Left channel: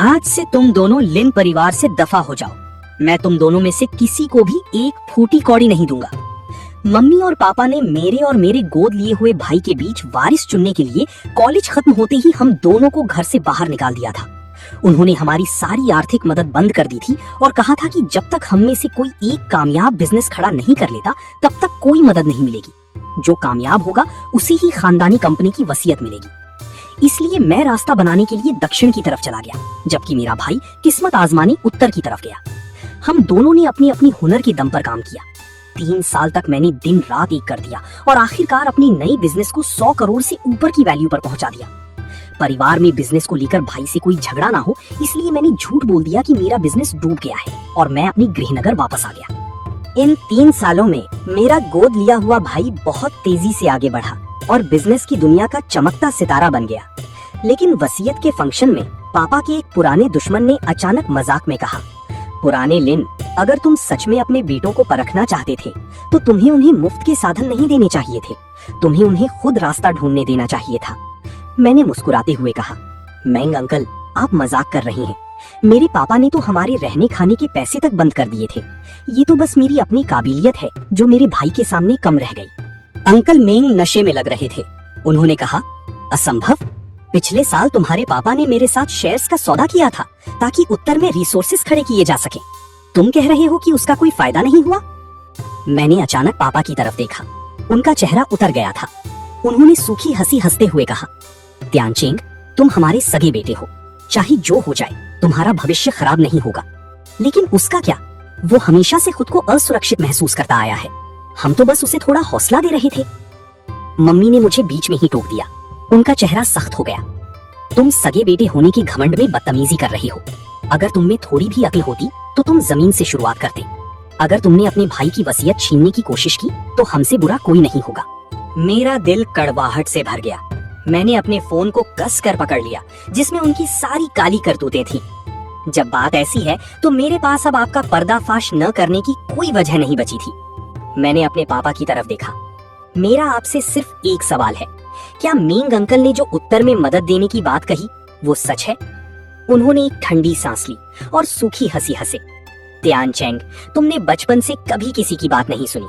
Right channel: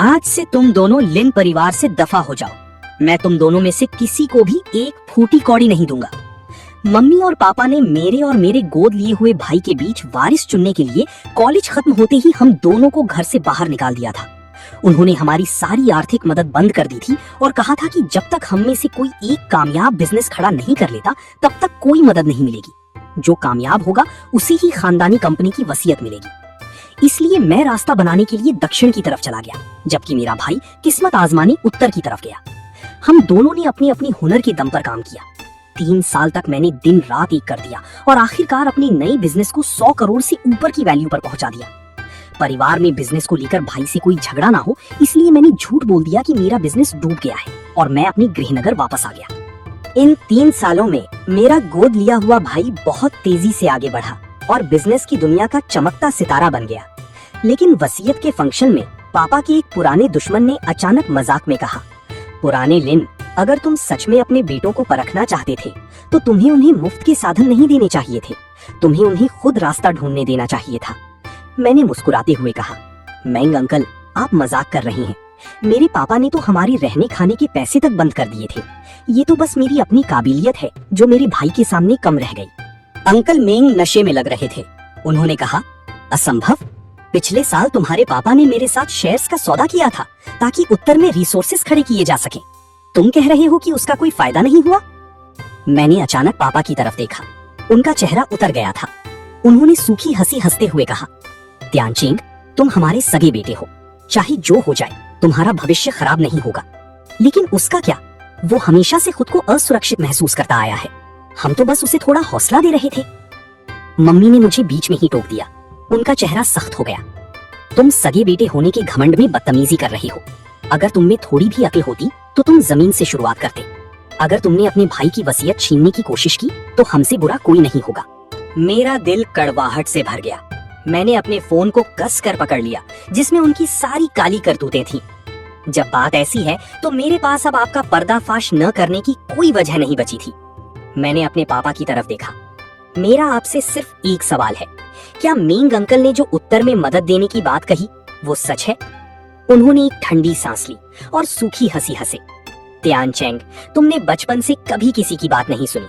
आज से तुम दोनों लिन परिवार से दफा हो जाओ। मैं तुम दोनों में से किसी को भी एक फूटी कौड़ी नहीं दूंगा। मम्मी और पापा ने मेरे और मेरे गोद लिए हुए भाई के बीच वारिस चुनने के लिए कॉलेज खत्म होते ही हम दोनों को घर से बाहर निकाल दिया था। उन्होंने हमारी सारी आर्थिक मदद बंद कर दी थी और कहा था कि जब तक हम में से कोई एक कामयाब बिजनेस खड़ा नहीं कर लेता तब तक कोई मदद नहीं मिलेगी। जो कामयाब होगा उसी ही खानदानी कंपनी की वसीयत मिलेगी। इसलिए मैं रास्ता बनाने के लिए दक्षिण की तरफ चला गया, जबकि मेरा भाई किस्मत आजमानी उत्तर की तरफ गया। हम दोनों ने अपनी अपनी हुनर के दम पर काम किया। 3 साल तक मैंने दिन रात एक कर दिया और आखिरकार अपनी नई बिजनेस को 100 करोड़ से ऊपर की वैल्यू पर पहुंचा दिया। परिवार में बिजनेस को लेकर भाई से कोई झगड़ा ना हो, इसलिए मैंने झूठ बोल दिया कि मेरा बिजनेस डूब गया है और मैं अपनी गृहनगर वापस आ गया। इन 3 सालों में मेरा गोद लिया हुआ भाई बहुत तेजी से आगे बढ़ा और बिजनेस की दुनिया का चमकता सितारा बन गया। लेकिन वसीयत के फंक्शन में पापा के एक पुराने दुश्मन ने अचानक मजाक में कहा, पुराने लिन, अगर तुम सच में अपने बेटों को परखना चाहते थे तो तुम्हें उन्हें मुफ्त के साधन नहीं देने चाहिए थे, तुम्हें उन्हें खुद रास्ता ढूंढने देना चाहिए था। मैंने मुस्कुराते हुए कहा, मैंग अंकल, आप मजाक कर रहे हैं। मेरे पापा ने तो हमारे रहने खाने के पैसे तक बंद कर दिए थे। ये तो बस मेरी अपनी काबिलियत है जो मेरे भाई के सामने कम रह गई। अंकल मेंग नशे में लग रहे थे। उन्होंने कहा, असंभव, पिछले साल तुम्हारे पापा ने मेरे साथ शेयर्स का सौदा किया था ताकि उत्तर में रिसोर्सेस खड़े किए जा सके। तुम कह रहे हो कि उसका कोई फायदा नहीं हुआ? मैंने अचानक पापा की तरफ देखा। उनका चेहरा उतर गया था। उन्होंने सूखी हंसी हंसते हुए कहा, त्यानचिंग, तुम हमारे सगे बेटे हो, चाहे जो हो जाए तुम्हारा भविष्य खराब नहीं होगा। लेकिन उसका क्या? वो हमेशा से खुद को असुरक्षित महसूस करता आया है। हम तो बस उसे थोड़ा हौसला दे रहे थे। मम्मी ने मुझे बीच में ही टोक दिया। उनका चेहरा सख्त हो गया। तुम सगे बेटे होने के घमंड में बदतमीजी कर रहे हो। अगर तुम में थोड़ी भी अकल होती तो तुम जमीन से शुरुआत करते। अगर तुमने अपने भाई की वसीयत छीनने की कोशिश की तो हमसे बुरा कोई नहीं होगा। मेरा दिल कड़वाहट से भर गया। मैंने अपने फोन को कस कर पकड़ लिया जिसमें उनकी सारी काली करतूतें थी। जब बात ऐसी है तो मेरे पास अब आपका पर्दाफाश न करने की कोई वजह नहीं बची थी। मैंने अपने पापा की तरफ देखा। मेरा आपसे सिर्फ एक सवाल है, क्या मेंग अंकल ने जो उत्तर में मदद देने की बात कही वो सच है? उन्होंने एक ठंडी सांस ली और सूखी हंसी हंसे। त्यानचेंग, तुमने बचपन से कभी किसी की बात नहीं सुनी।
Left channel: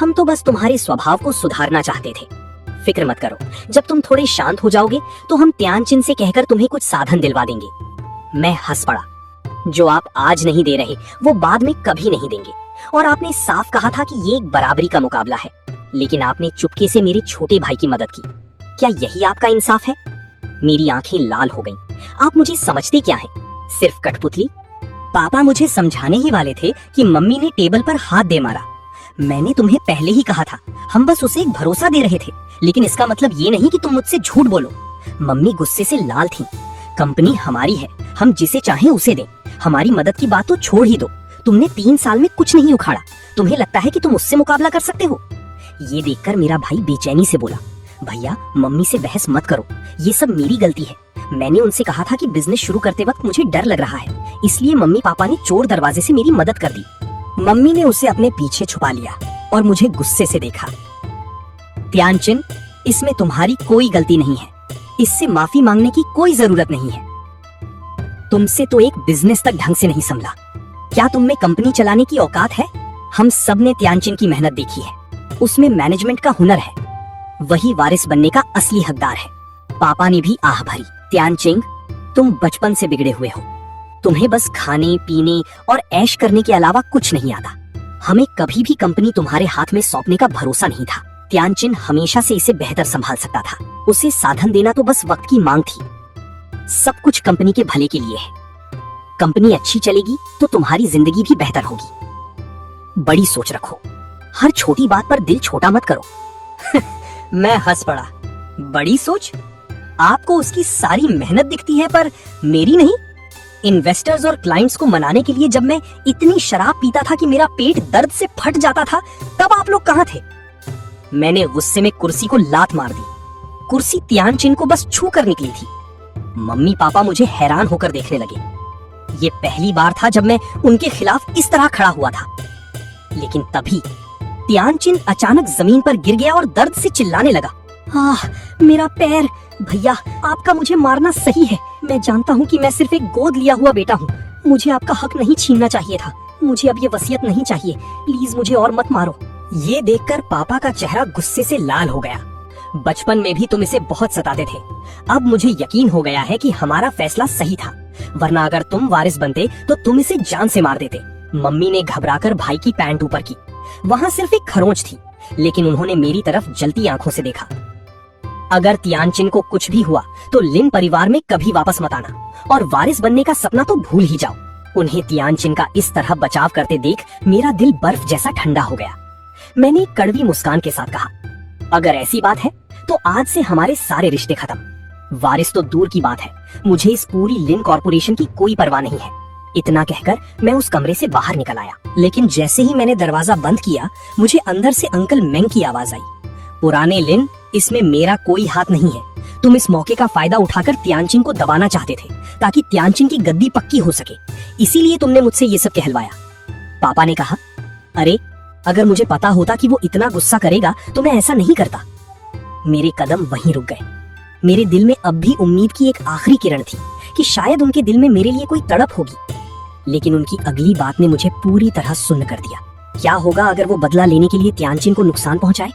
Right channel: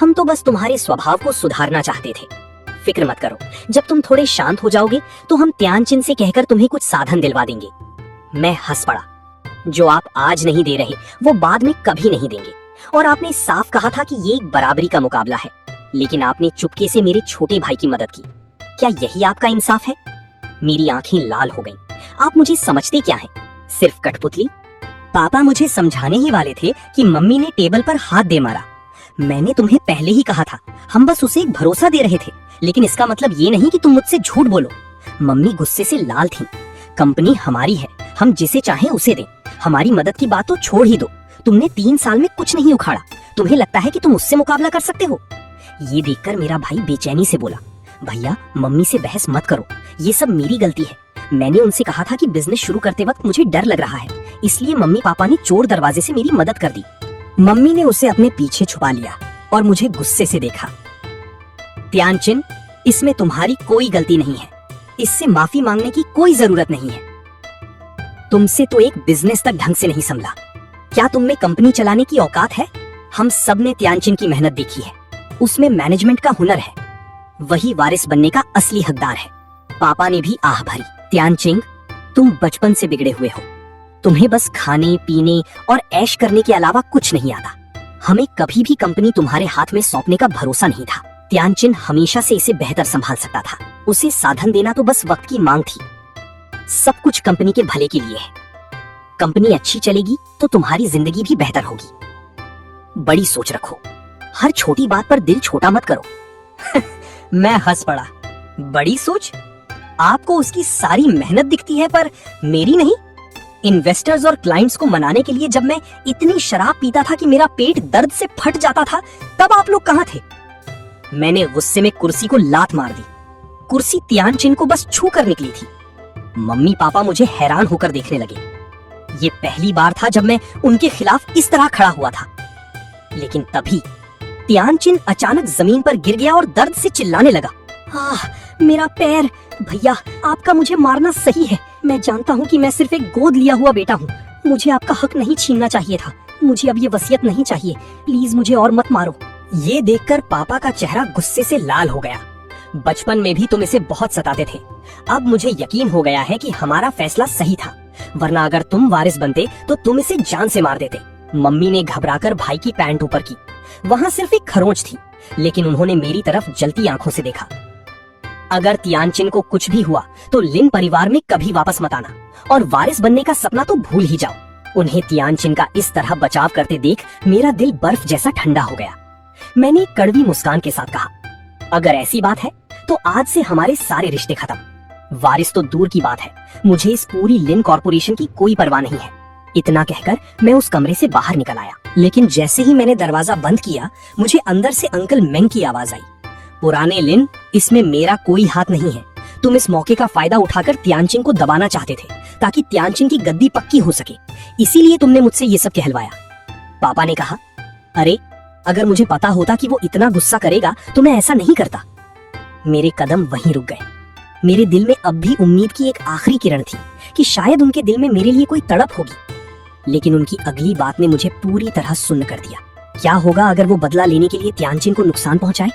हम तो बस तुम्हारे स्वभाव को सुधारना चाहते थे। फिक्र मत करो, जब तुम थोड़े शांत हो जाओगे तो हम त्यानचिन से कहकर तुम्हें कुछ साधन दिलवा देंगे। मैं हंस पड़ा। जो आप आज नहीं दे रहे वो बाद में कभी नहीं देंगे। और आपने साफ कहा था कि ये एक बराबरी का मुकाबला है, लेकिन आपने चुपके से मेरे छोटे भाई की मदद की। क्या यही आपका इंसाफ है? मेरी आंखें लाल हो गईं। आप मुझे समझते क्या हैं? सिर्फ कठपुतली? पापा मुझे समझाने ही वाले थे कि मम्मी ने टेबल पर हाथ दे मारा। मैंने तुम्हें पहले ही कहा था, हम बस उसे एक भरोसा दे रहे थे, लेकिन इसका मतलब ये नहीं कि तुम मुझसे झूठ बोलो। मम्मी गुस्से से लाल थीं। कंपनी हमारी है, हम जिसे चाहें उसे दें। हमारी मदद की बात तो छोड़ ही दो। तुमने 3 साल में कुछ नहीं उखाड़ा। तुम्हें लगता है कि तुम उससे मुकाबला कर सकते हो? ये देखकर मेरा भाई बेचैनी से बोला, भैया, मम्मी से बहस मत करो। ये सब मेरी गलती है। मैंने उनसे कहा था कि बिजनेस शुरू करते वक्त मुझे डर लग रहा है, इसलिए मम्मी पापा ने चोर दरवाजे से मेरी मदद कर दी। मम्मी ने उसे अपने पीछे छुपा लिया और मुझे गुस्से से देखा। त्यानचिन, इसमें तुम्हारी कोई गलती नहीं है। इससे माफी मांगने की कोई जरूरत नहीं है। तुमसे तो एक बिजनेस तक ढंग से नहीं संभला। क्या तुम में कंपनी चलाने की औकात है? हम सब ने त्यानचिन की मेहनत देखी है। उसमें मैनेजमेंट का हुनर है। वही वारिस बनने का असली हकदार है। पापा ने भी आह भरी। त्यानचिंग, तुम बचपन से बिगड़े हुए हो। तुम्हें बस खाने पीने और ऐश करने के अलावा कुछ नहीं आता। हमें कभी भी कंपनी तुम्हारे हाथ में सौंपने का भरोसा नहीं था। त्यानचिन हमेशा से इसे बेहतर संभाल सकता था। उसे साधन देना तो बस वक्त की मांग थी। सब कुछ कंपनी के भले के लिए है। कंपनी अच्छी चलेगी तो तुम्हारी जिंदगी भी बेहतर होगी। बड़ी सोच रखो। हर छोटी बात पर दिल छोटा मत करो। मैं हंस पड़ा। बड़ी सोच? आपको उसकी सारी मेहनत दिखती है पर मेरी नहीं। इन्वेस्टर्स और क्लाइंट्स को मनाने के लिए जब मैं इतनी शराब पीता था कि मेरा पेट दर्द से फट जाता था, तब आप लोग कहाँ थे? मैंने गुस्से में कुर्सी को लात मार दी। कुर्सी त्यानचिन को बस छू कर निकली थी। मम्मी पापा मुझे हैरान होकर देखने लगे। ये पहली बार था जब मैं उनके खिलाफ इस तरह खड़ा हुआ था। लेकिन तभी त्यानचिन अचानक जमीन पर गिर गया और दर्द से चिल्लाने लगा, मेरा पैर! भैया, आपका मुझे मारना सही है। मैं जानता हूँ कि मैं सिर्फ एक गोद लिया हुआ बेटा हूँ। मुझे आपका हक नहीं छीनना चाहिए था। मुझे अब ये वसीयत नहीं चाहिए। प्लीज मुझे और मत मारो। ये देखकर पापा का चेहरा गुस्से से लाल हो गया। बचपन में भी तुम इसे बहुत सताते थे। अब मुझे यकीन हो गया है कि हमारा फैसला सही था, वरना अगर तुम वारिस बनते तो तुम इसे जान से मार देते। मम्मी ने घबराकर भाई की पैंट ऊपर की। वहाँ सिर्फ एक खरोंच थी, लेकिन उन्होंने मेरी तरफ जलती आंखों से देखा। अगर तियानचिन को कुछ भी हुआ तो लिन परिवार में कभी वापस मत आना, और वारिस बनने का सपना तो भूल ही जाओ। उन्हें तियानचिन का इस तरह बचाव करते देख मेरा दिल बर्फ जैसा ठंडा हो गया। मैंने एक कड़वी मुस्कान के साथ कहा, अगर ऐसी बात है तो आज से हमारे सारे रिश्ते खत्म। वारिस तो दूर की बात है, मुझे इस पूरी लिन कॉर्पोरेशन की कोई परवाह नहीं है। इतना कहकर मैं उस कमरे से बाहर निकल आया, लेकिन जैसे ही मैंने दरवाजा बंद किया, मुझे अंदर से अंकल मेंग की आवाज आई। पुराने लिन, इसमें मेरा कोई हाथ नहीं है। तुम इस मौके का फायदा उठाकर तियानचिन को दबाना चाहते थे, ताकि तियानचिन की गद्दी पक्की हो सके। इसीलिए तुमने मुझसे ये सब कहलवाया। पापा ने कहा, अरे अगर मुझे पता होता कि वो इतना गुस्सा करेगा तो मैं ऐसा नहीं करता। मेरे कदम वहीं रुक गए। मेरे दिल में अब भी उम्मीद की एक आखिरी किरण थी कि शायद उनके दिल में मेरे लिए कोई तड़प होगी, लेकिन उनकी अगली बात ने मुझे पूरी तरह सुन्न कर दिया। क्या होगा अगर वो बदला लेने के लिए तियानचिन को नुकसान पहुंचाए?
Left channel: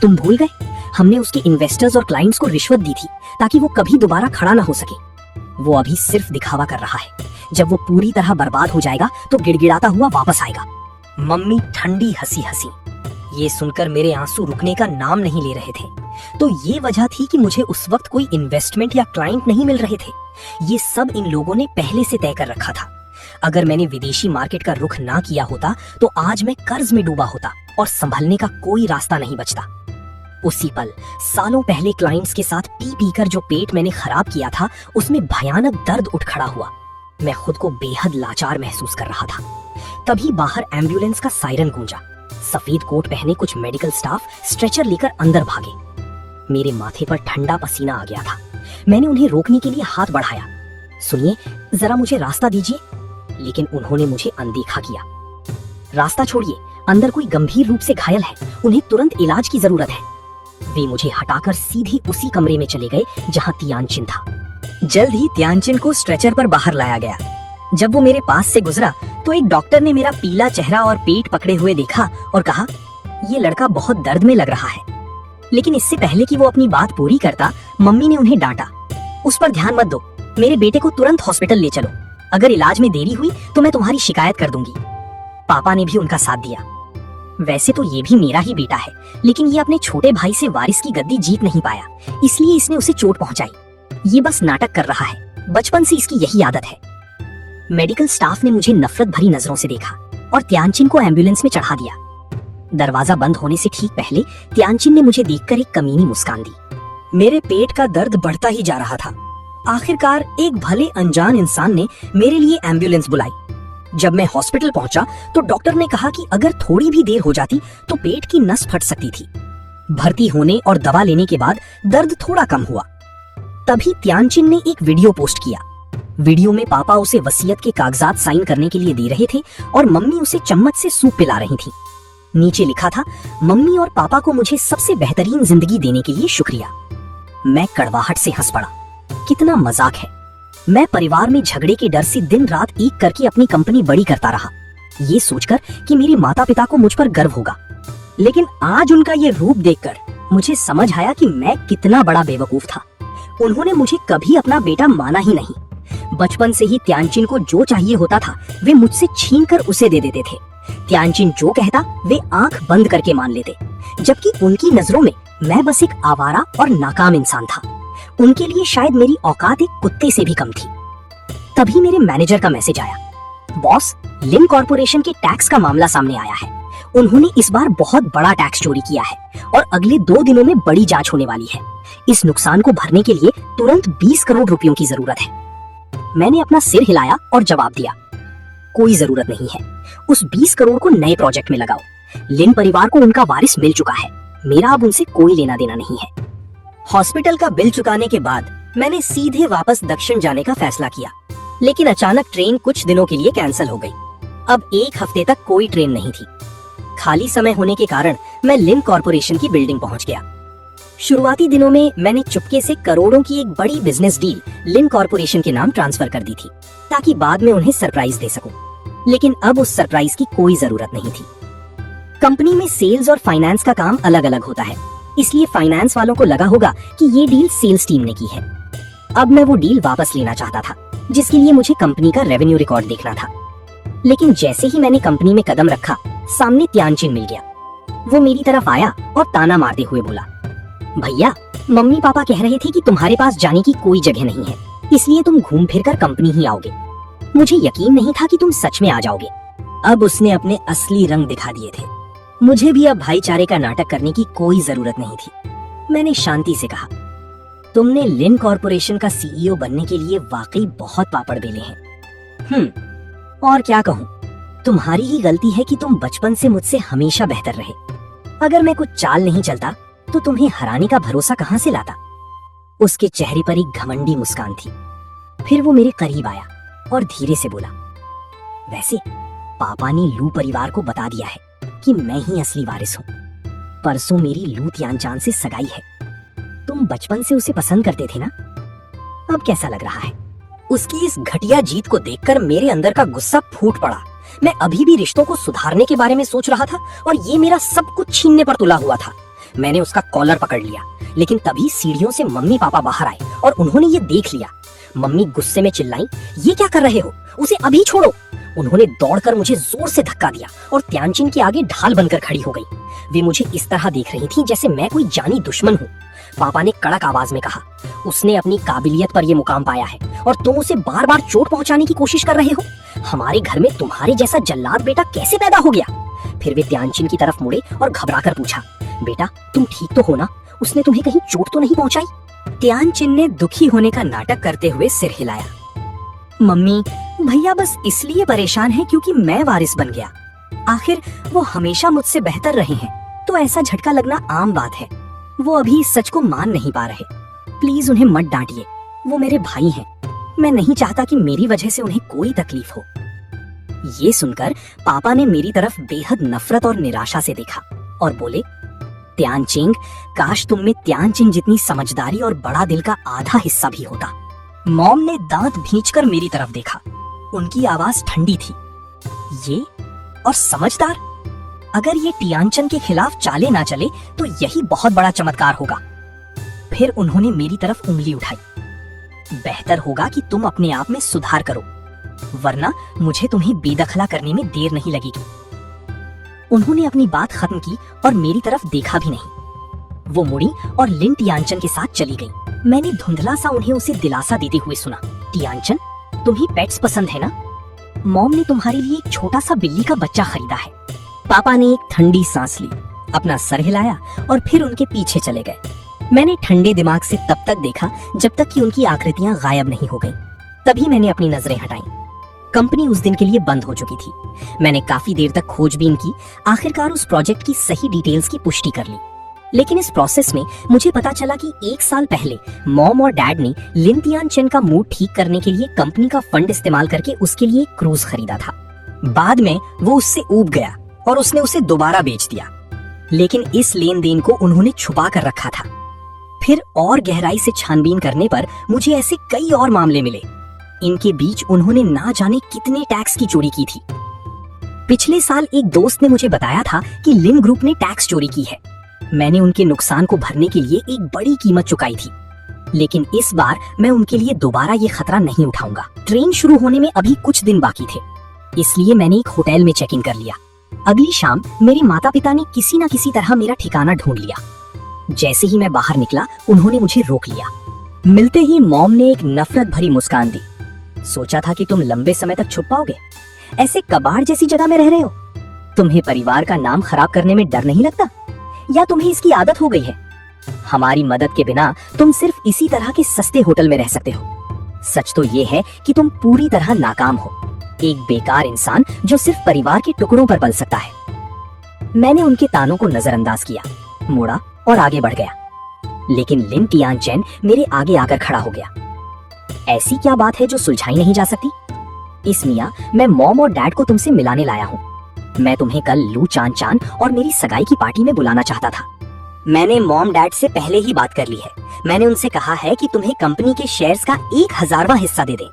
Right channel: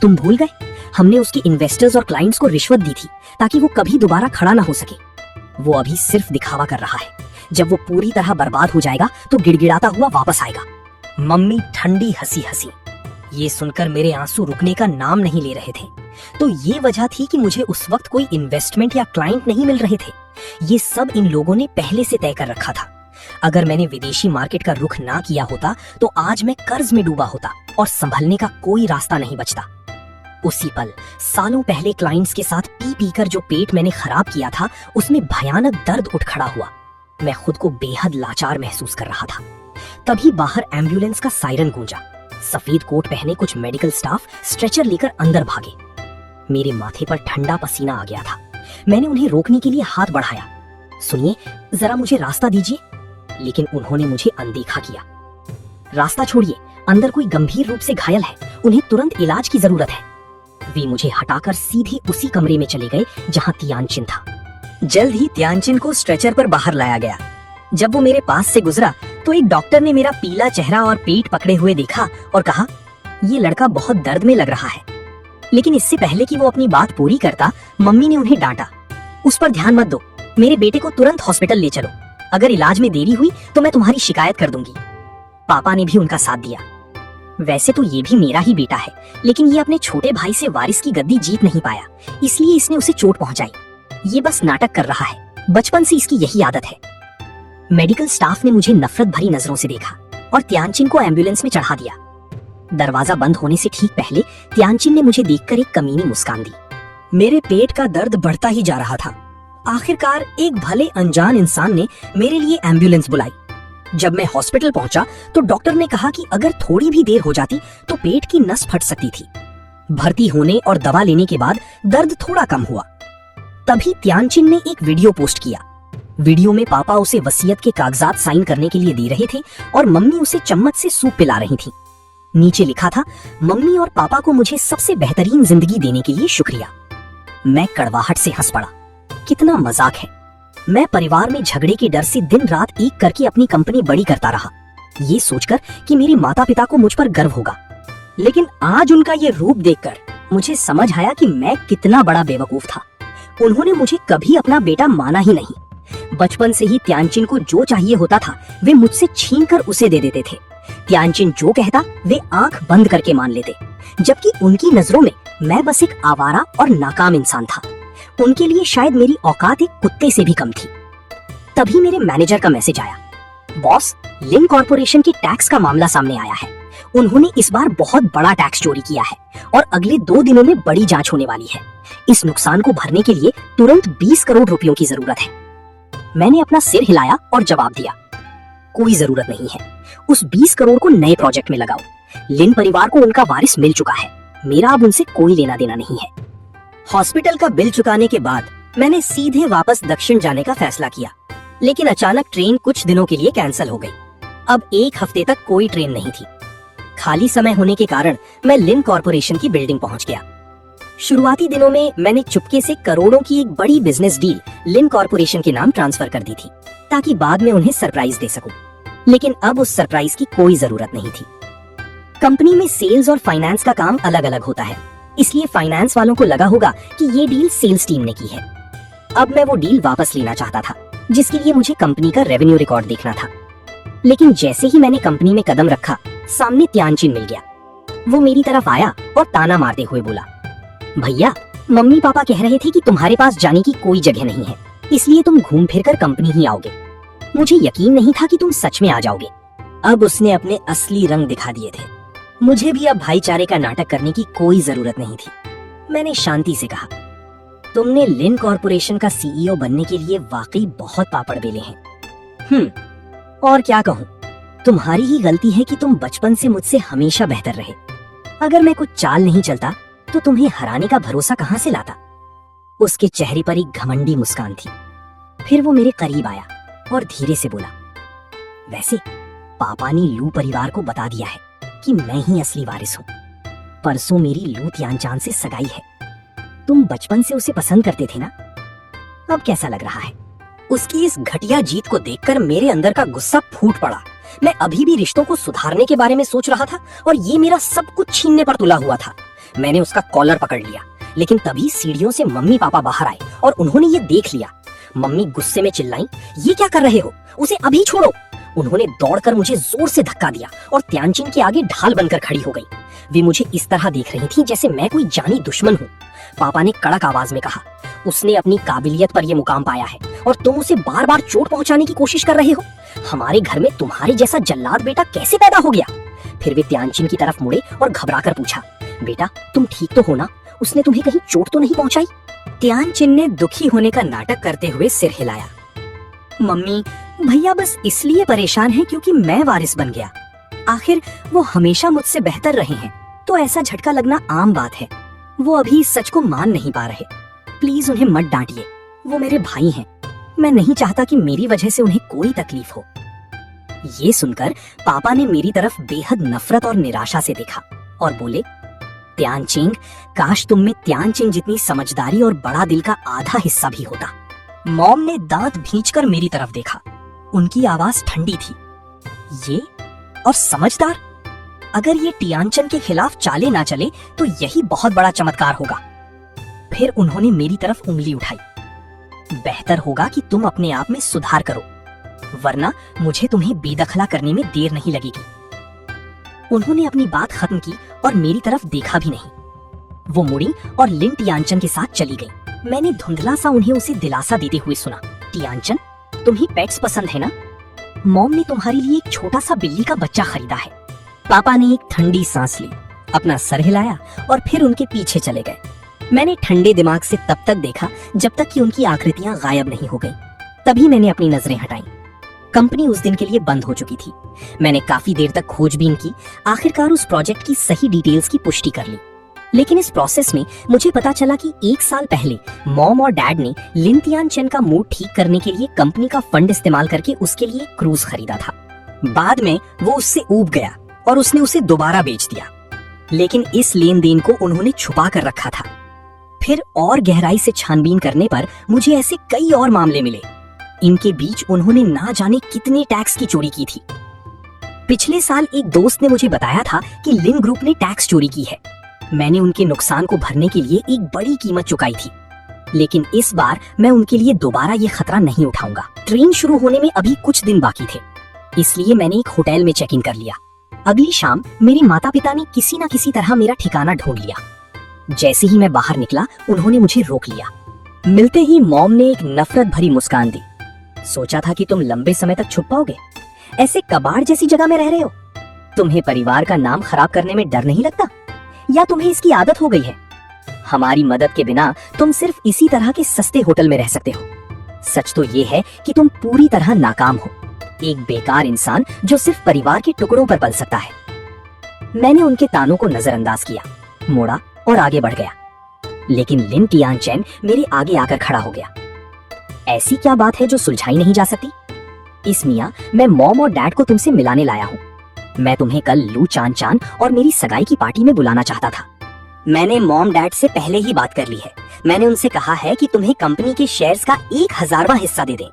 तुम भूल गए, हमने उसके इन्वेस्टर्स और क्लाइंट्स को रिश्वत दी थी ताकि वो कभी दोबारा खड़ा ना हो सके। वो अभी सिर्फ दिखावा कर रहा है। जब वो पूरी तरह बर्बाद हो जाएगा तो गिड़गिड़ाता हुआ वापस आएगा। मम्मी ठंडी हंसी हंसी। ये सुनकर मेरे आंसू रुकने का नाम नहीं ले रहे थे। तो ये वजह थी कि मुझे उस वक्त कोई इन्वेस्टमेंट या क्लाइंट नहीं मिल रहे थे। ये सब इन लोगों ने पहले से तय कर रखा था। अगर मैंने विदेशी मार्केट का रुख ना किया होता तो आज मैं कर्ज में डूबा होता और संभलने का कोई रास्ता नहीं बचता। उसी पल सालों पहले क्लाइंट्स के साथ पी पी कर जो पेट मैंने खराब किया था, उसमें भयानक दर्द उठ खड़ा हुआ। मैं खुद को बेहद लाचार महसूस कर रहा था। तभी बाहर एम्बुलेंस का सायरन गूंजा। सफेद कोट पहने कुछ मेडिकल स्टाफ स्ट्रेचर लेकर अंदर भागे। मेरे माथे पर ठंडा पसीना आ गया था। मैंने उन्हें रोकने के लिए हाथ बढ़ाया। सुनिए, जरा मुझे रास्ता दीजिए, लेकिन उन्होंने मुझे अनदेखा किया। रास्ता छोड़िए, अंदर कोई गंभीर रूप से घायल है, उन्हें तुरंत इलाज की जरूरत है। वे मुझे हटाकर सीधे उसी कमरे में चले गए जहां तियानचिन था। जल्द ही तियानचिन को स्ट्रेचर पर बाहर लाया गया। जब वो मेरे पास से गुजरा तो एक डॉक्टर ने मेरा पीला चेहरा और पेट पकड़े हुए देखा और कहा, ये लड़का बहुत दर्द में लग रहा है। लेकिन इससे पहले कि वो अपनी बात पूरी करता, मम्मी ने उन्हें डांटा, उस पर ध्यान मत दो, मेरे बेटे को तुरंत हॉस्पिटल ले चलो। अगर इलाज में देरी हुई तो मैं तुम्हारी शिकायत कर दूंगी। पापा ने भी उनका साथ दिया। वैसे तो ये भी मेरा ही बेटा है, लेकिन ये अपने छोटे भाई से वारिस की गद्दी जीत नहीं पाया, इसलिए इसने उसे चोट पहुंचाई। ये बस नाटक कर रहा है, बचपन से इसकी यही आदत है। मेडिकल स्टाफ ने मुझे नफरत भरी नजरों से देखा और तियानचिन को एम्बुलेंस में चढ़ा दिया। दरवाजा बंद होने से ठीक पहले तियानचिन ने मुझे देखकर एक कमीनी मुस्कान दी। मेरे पेट का दर्द बढ़ता ही जा रहा था। आखिरकार एक भले अनजान इंसान ने मेरे लिए एम्बुलेंस बुलाई। जब मैं हॉस्पिटल पहुंचा तो डॉक्टर ने कहा कि अगर थोड़ी भी देर हो जाती तो पेट की नस फट सकती थी। भर्ती होने और दवा लेने के बाद दर्द थोड़ा कम हुआ। तभी तियानचिन ने एक वीडियो पोस्ट किया। वीडियो में पापा उसे वसीयत के कागजात साइन करने के लिए दे रहे थे और मम्मी उसे चम्मच से सूप पिला रही थी। नीचे लिखा था, मम्मी और पापा को मुझे सबसे बेहतरीन जिंदगी देने के लिए शुक्रिया। मैं कड़वाहट से हंस पड़ा। कितना मजाक है। मैं परिवार में झगड़े के डर से दिन रात एक करके अपनी कंपनी बड़ी करता रहा, ये सोचकर कि मेरे माता पिता को मुझ पर गर्व होगा। लेकिन आज उनका ये रूप देखकर मुझे समझ आया कि मैं कितना बड़ा बेवकूफ था। उन्होंने मुझे कभी अपना बेटा माना ही नहीं। बचपन से ही तियानचिन को जो चाहिए होता था वे मुझसे छीनकर उसे दे देते थे। तियानचिन जो कहता वे आंख बंद करके मान लेते, जबकि उनकी नजरों में मैं बस एक आवारा और नाकाम इंसान था। उनके लिए शायद मेरी औकात एक कुत्ते से भी कम थी। तभी मेरे मैनेजर का मैसेज आया, बॉस, लिन कॉर्पोरेशन के टैक्स का मामला सामने आया है। उन्होंने इस बार बहुत बड़ा टैक्स चोरी किया है और अगले 2 दिनों में बड़ी जांच होने वाली है। इस नुकसान को भरने के लिए तुरंत 20 करोड़ रुपयों की जरूरत है। मैंने अपना सिर हिलाया और जवाब दिया, कोई जरूरत नहीं है। उस 20 करोड़ को नए प्रोजेक्ट में लगाओ। लिन परिवार को उनका वारिस मिल चुका है, मेरा अब उनसे कोई लेना देना नहीं है। हॉस्पिटल का बिल चुकाने के बाद मैंने सीधे वापस दक्षिण जाने का फैसला किया, लेकिन अचानक ट्रेन कुछ दिनों के लिए कैंसिल हो गई। अब 1 हफ्ते तक कोई ट्रेन नहीं थी। खाली समय होने के कारण मैं लिन कॉर्पोरेशन की बिल्डिंग पहुंच गया। शुरुआती दिनों में मैंने चुपके से करोड़ों की एक बड़ी बिजनेस डील लिन कॉर्पोरेशन के नाम ट्रांसफर कर दी थी, ताकि बाद में उन्हें सरप्राइज दे सकूं। लेकिन अब उस सरप्राइज की कोई जरूरत नहीं थी। कंपनी में सेल्स और फाइनेंस का काम अलग अलग होता है, इसलिए फाइनेंस वालों को लगा होगा कि ये डील सेल्स टीम ने की है। अब मैं वो डील वापस लेना चाहता था, जिसके लिए मुझे कंपनी का रेवेन्यू रिकॉर्ड देखना था। लेकिन जैसे ही मैंने कंपनी में कदम रखा, सामने त्यानचिन मिल गया। वो मेरी तरफ आया और ताना मारते हुए बोला, भैया, मम्मी पापा कह रहे थे कि तुम्हारे पास जाने की कोई जगह नहीं है, इसलिए तुम घूम फिर कर कंपनी ही आओगे। मुझे यकीन नहीं था कि तुम सच में आ जाओगे। अब उसने अपने असली रंग दिखा दिए थे। मुझे भी अब भाईचारे का नाटक करने की कोई जरूरत नहीं थी। मैंने शांति से कहा, तुमने लिन कॉर्पोरेशन का सीईओ बनने के लिए वाकई बहुत पापड़ बेले हैं। और क्या कहूँ, तुम्हारी ही गलती है कि तुम बचपन से मुझसे हमेशा बेहतर रहे। अगर मैं कुछ चाल नहीं चलता तो तुम्हें हराने का भरोसा कहां से लाता। उसके चेहरे पर एक घमंडी मुस्कान थी। फिर वो मेरे करीब आया और धीरे से बोला, वैसे पापा ने लू परिवार को बता दिया है कि मैं ही असली वारिस हूँ। परसों मेरी लू त्यानचान से सगाई है। तुम बचपन से उसे पसंद करते थे ना? अब कैसा लग रहा है? उसकी इस घटिया जीत को देखकर मेरे अंदर का गुस्सा फूट पड़ा। मैं अभी भी रिश्तों को सुधारने के बारे में सोच रहा था और ये मेरा सब कुछ छीनने पर तुला हुआ था। मैंने उसका कॉलर पकड़ लिया, लेकिन तभी सीढ़ियों से मम्मी पापा बाहर आए और उन्होंने ये देख लिया। मम्मी गुस्से में चिल्लाई, ये क्या कर रहे हो? उसे अभी छोड़ो। उन्होंने दौड़कर मुझे जोर से धक्का दिया और त्यानचिन के आगे ढाल बनकर खड़ी हो गई। वे मुझे इस तरह देख रही थी जैसे मैं कोई जानी दुश्मन हूँ। पापा ने कड़क आवाज में कहा, उसने अपनी काबिलियत पर यह मुकाम पाया है और तुम उसे बार बार चोट पहुंचाने की कोशिश कर रहे हो। हमारे घर में तुम्हारे जैसा जल्लाद बेटा कैसे पैदा हो गया? फिर वे त्यानचिन की तरफ मुड़े और घबराकर पूछा, बेटा तुम ठीक तो हो ना? उसने तुम्हें कहीं चोट तो नहीं पहुंचाई? त्यानचिन ने दुखी होने का नाटक करते हुए सिर हिलाया। मम्मी, भैया बस इसलिए परेशान है क्योंकि मैं वारिस बन गया। आखिर वो हमेशा मुझसे बेहतर रहे हैं, तो ऐसा झटका लगना आम बात है। वो अभी सच को मान नहीं पा रहे। प्लीज उन्हें मत डांटिए, वो मेरे भाई हैं। मैं नहीं चाहता कि मेरी वजह से उन्हें कोई तकलीफ हो। ये सुनकर पापा ने मेरी तरफ बेहद नफरत और निराशा से देखा और बोले, त्यानचिंग, काश तुम में त्यानचिन जितनी समझदारी और बड़ा दिल का आधा हिस्सा भी होता। मॉम ने दांत भींचकर मेरी तरफ देखा। उनकी आवाज ठंडी थी। ये और समझदार? अगर ये टियानचन के खिलाफ चाले ना चले तो यही बहुत बड़ा चमत्कार होगा। फिर उन्होंने मेरी तरफ उंगली उठाई। बेहतर होगा कि तुम अपने आप में सुधार करो, वरना मुझे तुम्हें बेदखला करने में देर नहीं लगेगी। उन्होंने अपनी बात खत्म की और मेरी तरफ देखा भी नहीं। वो मुड़ी और लिन टियानचन के साथ चली गई। मैंने धुंधला सा उन्हें उसे दिलासा देते हुए सुना, टियानचन, तुम्हें पेट्स पसंद है ना? मॉम ने तुम्हारे लिए एक छोटा सा बिल्ली का बच्चा खरीदा है। पापा ने एक ठंडी सांस ली, अपना सर हिलाया और फिर उनके पीछे चले गए। मैंने ठंडे दिमाग से तब तक देखा जब तक कि उनकी आकृतियां गायब नहीं हो गईं। तभी मैंने अपनी नजरें हटाईं। कंपनी उस दिन के लिए बंद हो चुकी थी। मैंने काफी देर तक खोजबीन की, आखिरकार उस प्रोजेक्ट की सही डिटेल्स की पुष्टि कर ली। लेकिन इस प्रोसेस में मुझे पता चला कि 1 साल पहले मॉम और डैड ने लिन टियानचन का मूड ठीक करने के लिए कंपनी का फंड इस्तेमाल करके उसके लिए एक क्रूज खरीदा था। बाद में वो उससे ऊब गया और उसने उसे दोबारा बेच दिया। लेकिन इस लेन देन को उन्होंने छुपा कर रखा था। फिर और गहराई से छानबीन करने पर मुझे ऐसे कई और मामले मिले। इनके बीच उन्होंने ना जाने कितने टैक्स की चोरी की थी। पिछले साल एक दोस्त ने मुझे बताया था कि लिन ग्रुप ने टैक्स चोरी की है। मैंने उनके नुकसान को भरने के लिए एक बड़ी कीमत चुकाई थी, लेकिन इस बार मैं उनके लिए दोबारा ये खतरा नहीं उठाऊंगा। ट्रेन शुरू होने में अभी कुछ दिन बाकी थे, इसलिए मैंने एक होटल में चेक इन कर लिया। अगली शाम मेरे माता पिता ने किसी न किसी तरह मेरा ठिकाना ढूंढ लिया। जैसे ही मैं बाहर निकला, उन्होंने मुझे रोक लिया। मिलते ही मॉम ने एक नफरत भरी मुस्कान दी। सोचा था कि तुम लंबे समय तक छुप पाओगे, ऐसे कबाड़ जैसी जगह में रह रहे हो। तुम्हें परिवार का नाम खराब करने में डर नहीं लगता, या तुम्हें इसकी आदत हो गई है? हमारी मदद के बिना तुम सिर्फ इसी तरह के सस्ते होटल में रह सकते हो। सच तो ये है कि तुम पूरी तरह नाकाम हो, एक बेकार इंसान जो सिर्फ परिवार के टुकड़ों पर पल सकता है। मैंने उनके तानों को नजरअंदाज किया, मोड़ा और आगे बढ़ गया। लेकिन लिन टियानचन मेरे आगे आकर खड़ा हो गया। ऐसी क्या बात है जो सुलझाई नहीं जा सकती? इस मियां, मैं मॉम और डैड को तुमसे मिलाने लाया हूँ। मैं तुम्हें कल लू चान चान और मेरी सगाई की पार्टी में बुलाना चाहता था, मैंने मॉम डैड से पहले ही बात कर ली है। मैंने उनसे कहा है कि तुम्हें कंपनी के शेयर्स का 1,000वां हिस्सा दे दें।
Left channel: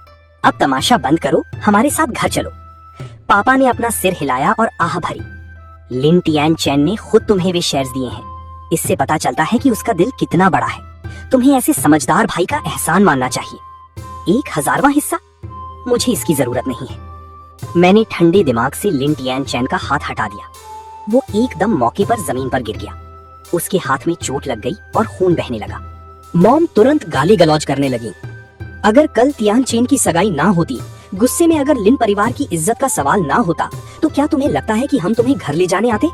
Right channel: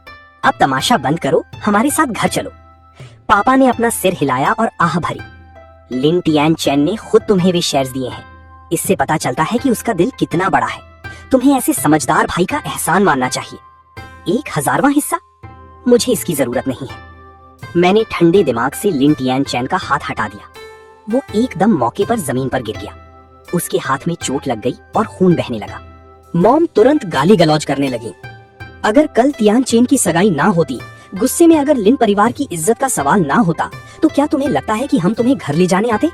अब तमाशा बंद करो, हमारे साथ घर चलो। पापा ने अपना सिर हिलाया और आह भरी। लिन टियान चैन ने खुद तुम्हें वे शेयर्स दिए हैं। इससे पता चलता है कि उसका दिल कितना बड़ा है। तुम्हें ऐसे समझदार भाई का एहसान मानना चाहिए। 1,000वां हिस्सा? मुझे इसकी जरूरत नहीं है। मैंने ठंडे दिमाग से लिन टियान चैन का हाथ हटा दिया। वो एकदम मौके पर जमीन पर गिर गया। उसके हाथ में चोट लग गई और खून बहने लगा। मॉम तुरंत गाली गलौज करने लगी। अगर कल तियान चेन की सगाई ना होती, गुस्से में अगर लिन परिवार की इज्जत का सवाल ना होता, तो क्या तुम्हें लगता है कि हम तुम्हें घर ले जाने आते?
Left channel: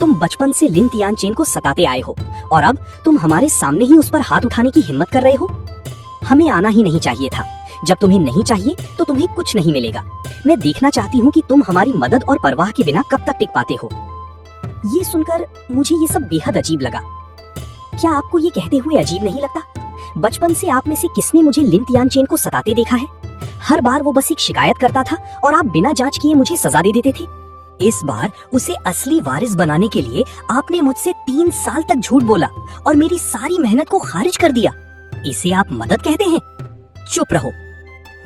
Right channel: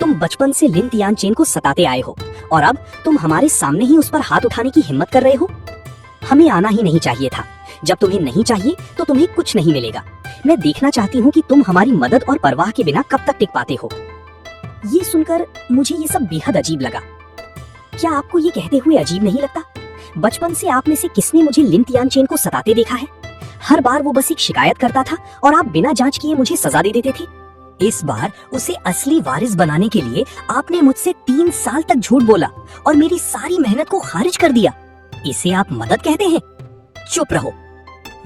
तुम बचपन से लिन तियान चेन को सताते आए हो और अब तुम हमारे सामने ही उस पर हाथ उठाने की हिम्मत कर रहे हो। हमें आना ही नहीं चाहिए था। जब तुम्हें नहीं चाहिए तो तुम्हें कुछ नहीं मिलेगा। मैं देखना चाहती हूँ कि तुम हमारी मदद और परवाह के बिना कब तक टिक पाते हो। ये सुनकर मुझे ये सब बेहद अजीब लगा। क्या आपको ये कहते हुए अजीब नहीं लगता? बचपन से आप में से किसने मुझे लिन तियान चेन को सताते देखा है? हर बार वो बस एक शिकायत करता था और आप बिना जांच किए मुझे सजा दे देते थे। इस बार उसे असली वारिस बनाने के लिए आपने मुझसे 3 साल तक झूठ बोला और मेरी सारी मेहनत को खारिज कर दिया। इसे आप मदद कहते हैं? चुप रहो।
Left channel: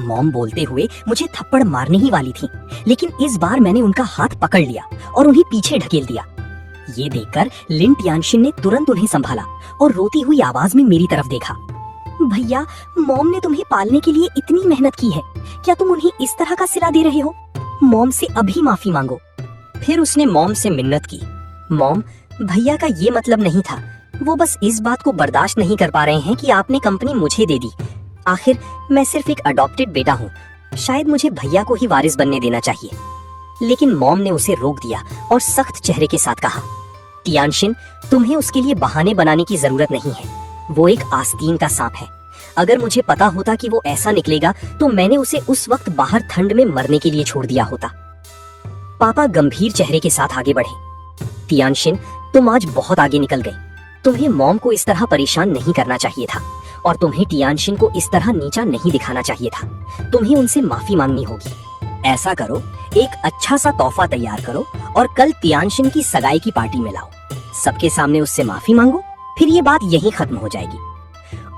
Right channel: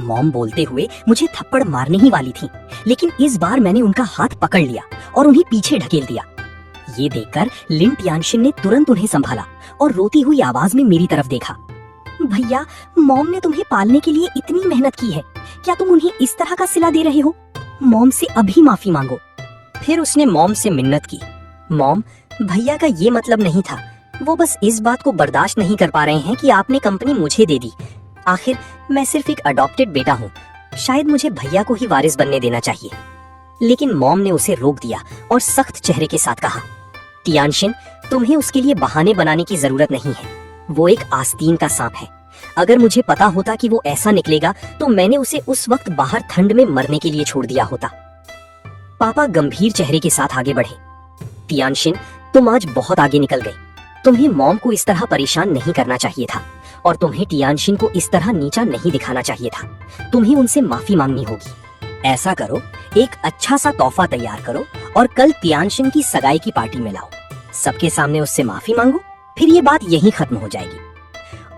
मॉम बोलते हुए मुझे थप्पड़ मारने ही वाली थी, लेकिन इस बार मैंने उनका हाथ पकड़ लिया और उन्हें पीछे ढकेल दिया। ये देखकर लिन टियानशिन ने तुरंत उन्हें संभाला और रोती हुई आवाज में मेरी तरफ देखा। भैया, मॉम ने तुम्हें पालने के लिए इतनी मेहनत की है, क्या तुम उन्हें इस तरह का सिला दे रहे हो? मॉम से अभी माफी मांगो। फिर उसने मॉम से मिन्नत की। मॉम, भैया का ये मतलब नहीं था। वो बस इस बात को बर्दाश्त नहीं कर पा रहे हैं कि आपने कंपनी मुझे दे दी। आखिर मैं सिर्फ एक अडॉप्टेड बेटा हूँ। शायद मुझे भैया को ही वारिस बनने देना चाहिए। लेकिन मॉम ने उसे रोक दिया और सख्त चेहरे के साथ कहा, टियानशिन, तुम्हें उसके लिए बहाने बनाने की जरूरत नहीं है। वो एक आस्तीन का सांप है। अगर मुझे पता होता कि वो ऐसा निकलेगा तो मैंने उसे उस वक्त बाहर ठंड में मरने के लिए छोड़ दिया होता। पापा गंभीर चेहरे के साथ आगे बढ़े। टियानशिन, तुम आज बहुत आगे निकल गई। तुम्हें मॉम को इस तरह परेशान नहीं करना चाहिए था और तुम्हें टियानशिन को इस तरह नीचा नहीं दिखाना चाहिए था। तुम्हें उनसे माफी मांगनी होगी। ऐसा करो, एक अच्छा सा तोहफा तैयार करो और कल टियानशिन की सगाई की पार्टी में लाओ। सबके सामने उससे माफी मांगो, फिर ये बात यहीं खत्म हो जाएगी।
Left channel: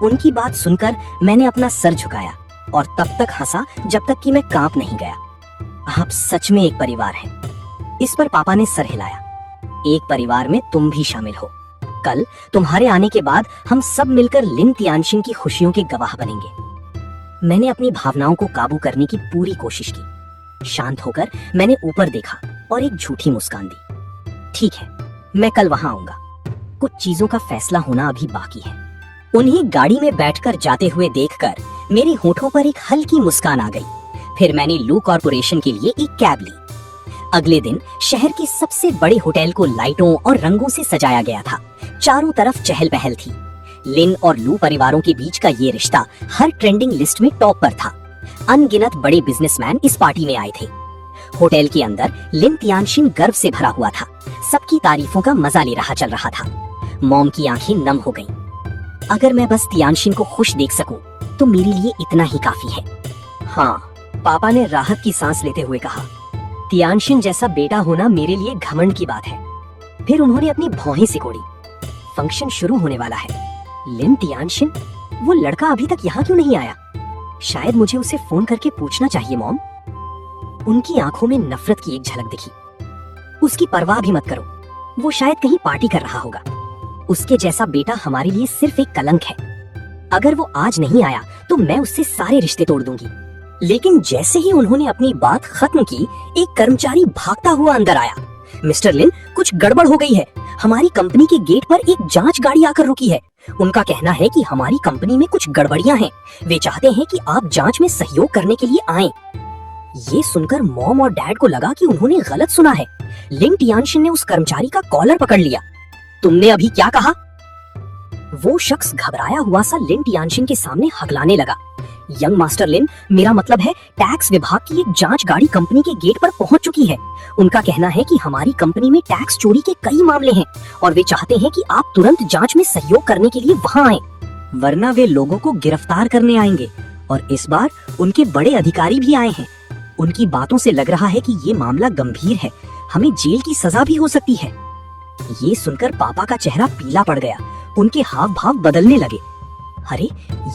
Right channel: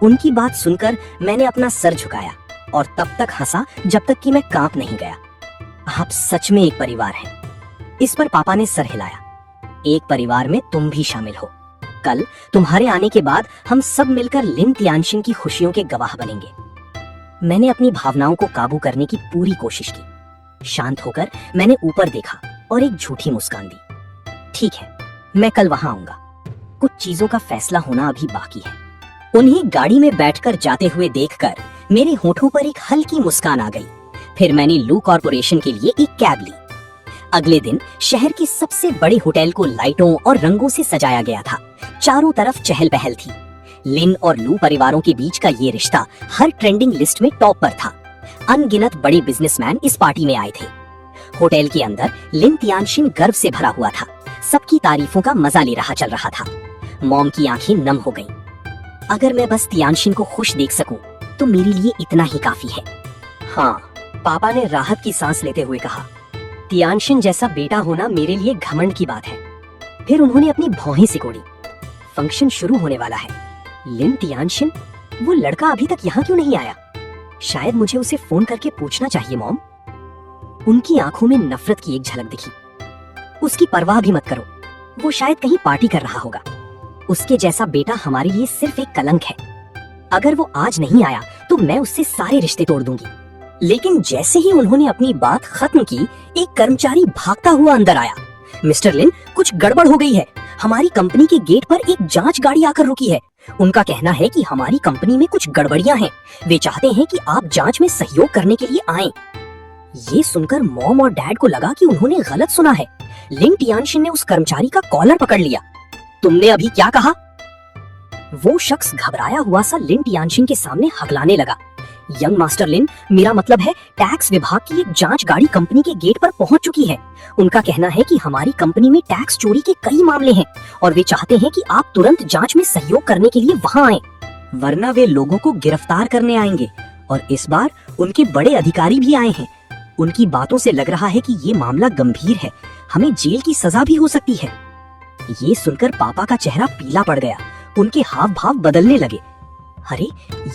उनकी बात सुनकर मैंने अपना सर झुकाया और तब तक हंसा जब तक कि मैं कांप नहीं गया। आप सच में एक परिवार हैं। इस पर पापा ने सर हिलाया। एक परिवार में तुम भी शामिल हो। कल तुम्हारे आने के बाद हम सब मिलकर लिन तियानशिन की खुशियों के गवाह बनेंगे। मैंने अपनी भावनाओं को काबू करने की पूरी कोशिश की। शांत होकर मैंने ऊपर देखा और एक झूठी मुस्कान दी। ठीक है, मैं कल वहां आऊंगा। कुछ चीजों का फैसला होना अभी बाकी है। उन्हें गाड़ी में बैठकर जाते हुए देखकर मेरे होठों पर एक हल्की मुस्कान आ गई। फिर मैंने लू कॉर्पोरेशन के लिए एक कैब ली। अगले दिन शहर के सबसे बड़े होटल को लाइटों और रंगों से सजाया गया था। चारों तरफ चहल पहल थी। लिन और लू परिवारों के बीच का ये रिश्ता हर ट्रेंडिंग लिस्ट में टॉप पर था। अनगिनत बड़े बिजनेसमैन इस पार्टी में आए थे। होटल के अंदर लिन तियानशिन गर्व से भरा हुआ था। सबकी तारीफों का मजा ले रहा चल रहा था। मॉम की आंखें नम हो गईं। अगर मैं बस तियानशिन को खुश देख सकूं, तो मेरे लिए इतना ही काफी है। हाँ, पापा ने राहत की सांस लेते हुए कहा। तियानशिन जैसा बेटा होना मेरे लिए घमंड की बात है। फिर उन्होंने अपनी भौहें सिकोड़ी। फंक्शन शुरू होने वाला है। लिन तियानशिन, वो लड़का अभी तक यहाँ क्यों नहीं आया? शायद मुझे उसे फोन करके पूछना चाहिए। मॉम, उनकी आंखों में नफरत की एक झलक दिखी। उसकी परवाह भी मत करो, वो शायद कहीं पार्टी कर रहा होगा। उसके जैसा बेटा हमारे लिए सिर्फ एक कलंक है। अगर वो आज नहीं आया तो मैं उससे सारे रिश्ते तोड़ दूंगी। लेकिन जैसे ही उन्होंने अपनी बात खत्म की, एक कर्मचारी भागता हुआ अंदर आया। मिस्टर लिन, कुछ गड़बड़ हो गई है। हमारी कंपनी के गेट पर एक जांच गाड़ी आकर रुकी है। उनका कहना है कि हमारी कंपनी में कुछ गड़बड़ियां हैं। वे चाहते हैं कि आप जांच में सहयोग करने के लिए आएं। ये सुनकर मॉम और डैड को लगा कि उन्होंने गलत सुना है। लिन तियानशिन ने उस कर्मचारी का कॉलर पकड़ लिया। तुमने अभी क्या कहा? वो शख्स घबराया हुआ सा लिन तियानशिन के सामने हगलाने लगा। यंग मास्टर लिन, मेरा मतलब है टैक्स विभाग की एक जांच गाड़ी कंपनी के गेट पर पहुंच चुकी है। उनका कहना है कि हमारी कंपनी में टैक्स चोरी के कई मामले हैं और वे चाहते हैं कि आप तुरंत जांच में सहयोग करने के लिए वहां आएं, वरना वे लोगों को गिरफ्तार करने आएंगे। और इस बार उनके बड़े अधिकारी भी आए हैं। उनकी बातों से लग रहा है कि ये मामला गंभीर है। हमें जेल की सजा भी हो सकती है। ये सुनकर पापा का चेहरा पीला पड़ गया, उनके हाव भाव बदलने लगे। अरे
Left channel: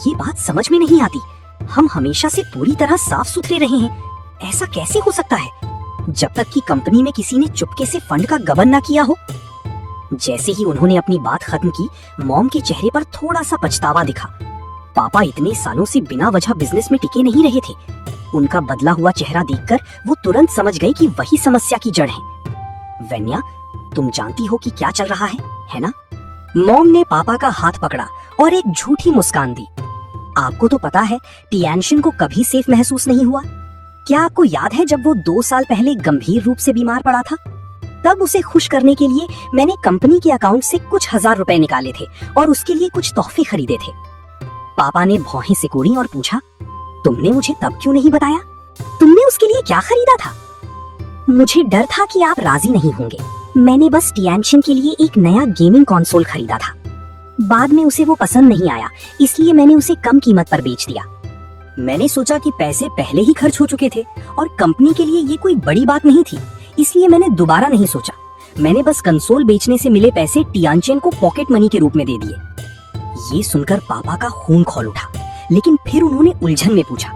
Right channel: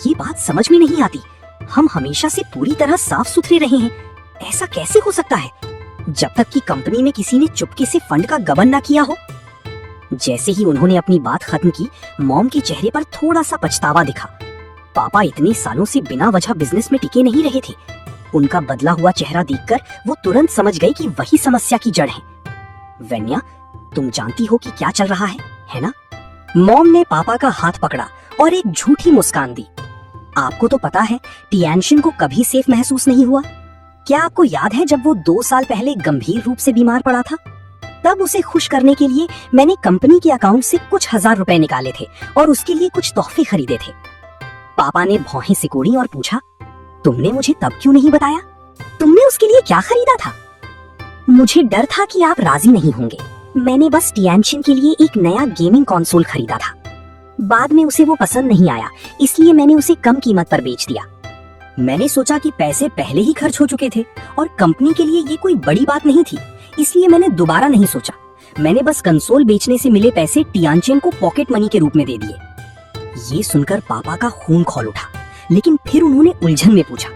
ये बात समझ में नहीं आती, हम हमेशा से पूरी तरह साफ सुथरे रहे हैं, ऐसा कैसे हो सकता है जब तक कि कंपनी में किसी ने चुपके से फंड का गबन ना किया हो। जैसे ही उन्होंने अपनी बात खत्म की, मॉम के चेहरे पर थोड़ा सा पछतावा दिखा। पापा इतने सालों से बिना वजह बिजनेस में टिके नहीं रहे थे। उनका बदला हुआ चेहरा देखकर वो तुरंत समझ गई कि वही समस्या की जड़ है। वेन्या, तुम जानती हो कि क्या चल रहा है ना? मॉम ने पापा का हाथ पकड़ा और एक झूठी मुस्कान दी। आपको तो पता है टियानशिन को कभी सेफ महसूस नहीं हुआ। क्या आपको याद है जब वो 2 साल पहले गंभीर रूप से बीमार पड़ा था? तब उसे खुश करने के लिए मैंने कंपनी के अकाउंट से कुछ हजार रुपए निकाले थे और उसके लिए कुछ तोहफे खरीदे थे। पापा ने भौहें सिकोड़ी और पूछा, तुमने मुझे तब क्यों नहीं बताया? तुमने उसके लिए क्या खरीदा था? मुझे डर था कि आप राजी नहीं होंगे। मैंने बस टियानशिन के लिए एक नया गेमिंग कंसोल खरीदा था। बाद में उसे वो पसंद नहीं आया, इसलिए मैंने उसे कम कीमत पर बेच दिया। मैंने सोचा कि पैसे पहले ही खर्च हो चुके थे और कंपनी के लिए ये कोई बड़ी बात नहीं थी, इसलिए मैंने दोबारा नहीं सोचा। मैंने बस कंसोल बेचने से मिले पैसे टियानशिन को पॉकेट मनी के रूप में दे दिए। ये सुनकर पापा का खून खौल उठा, लेकिन फिर उन्होंने उलझन में पूछा,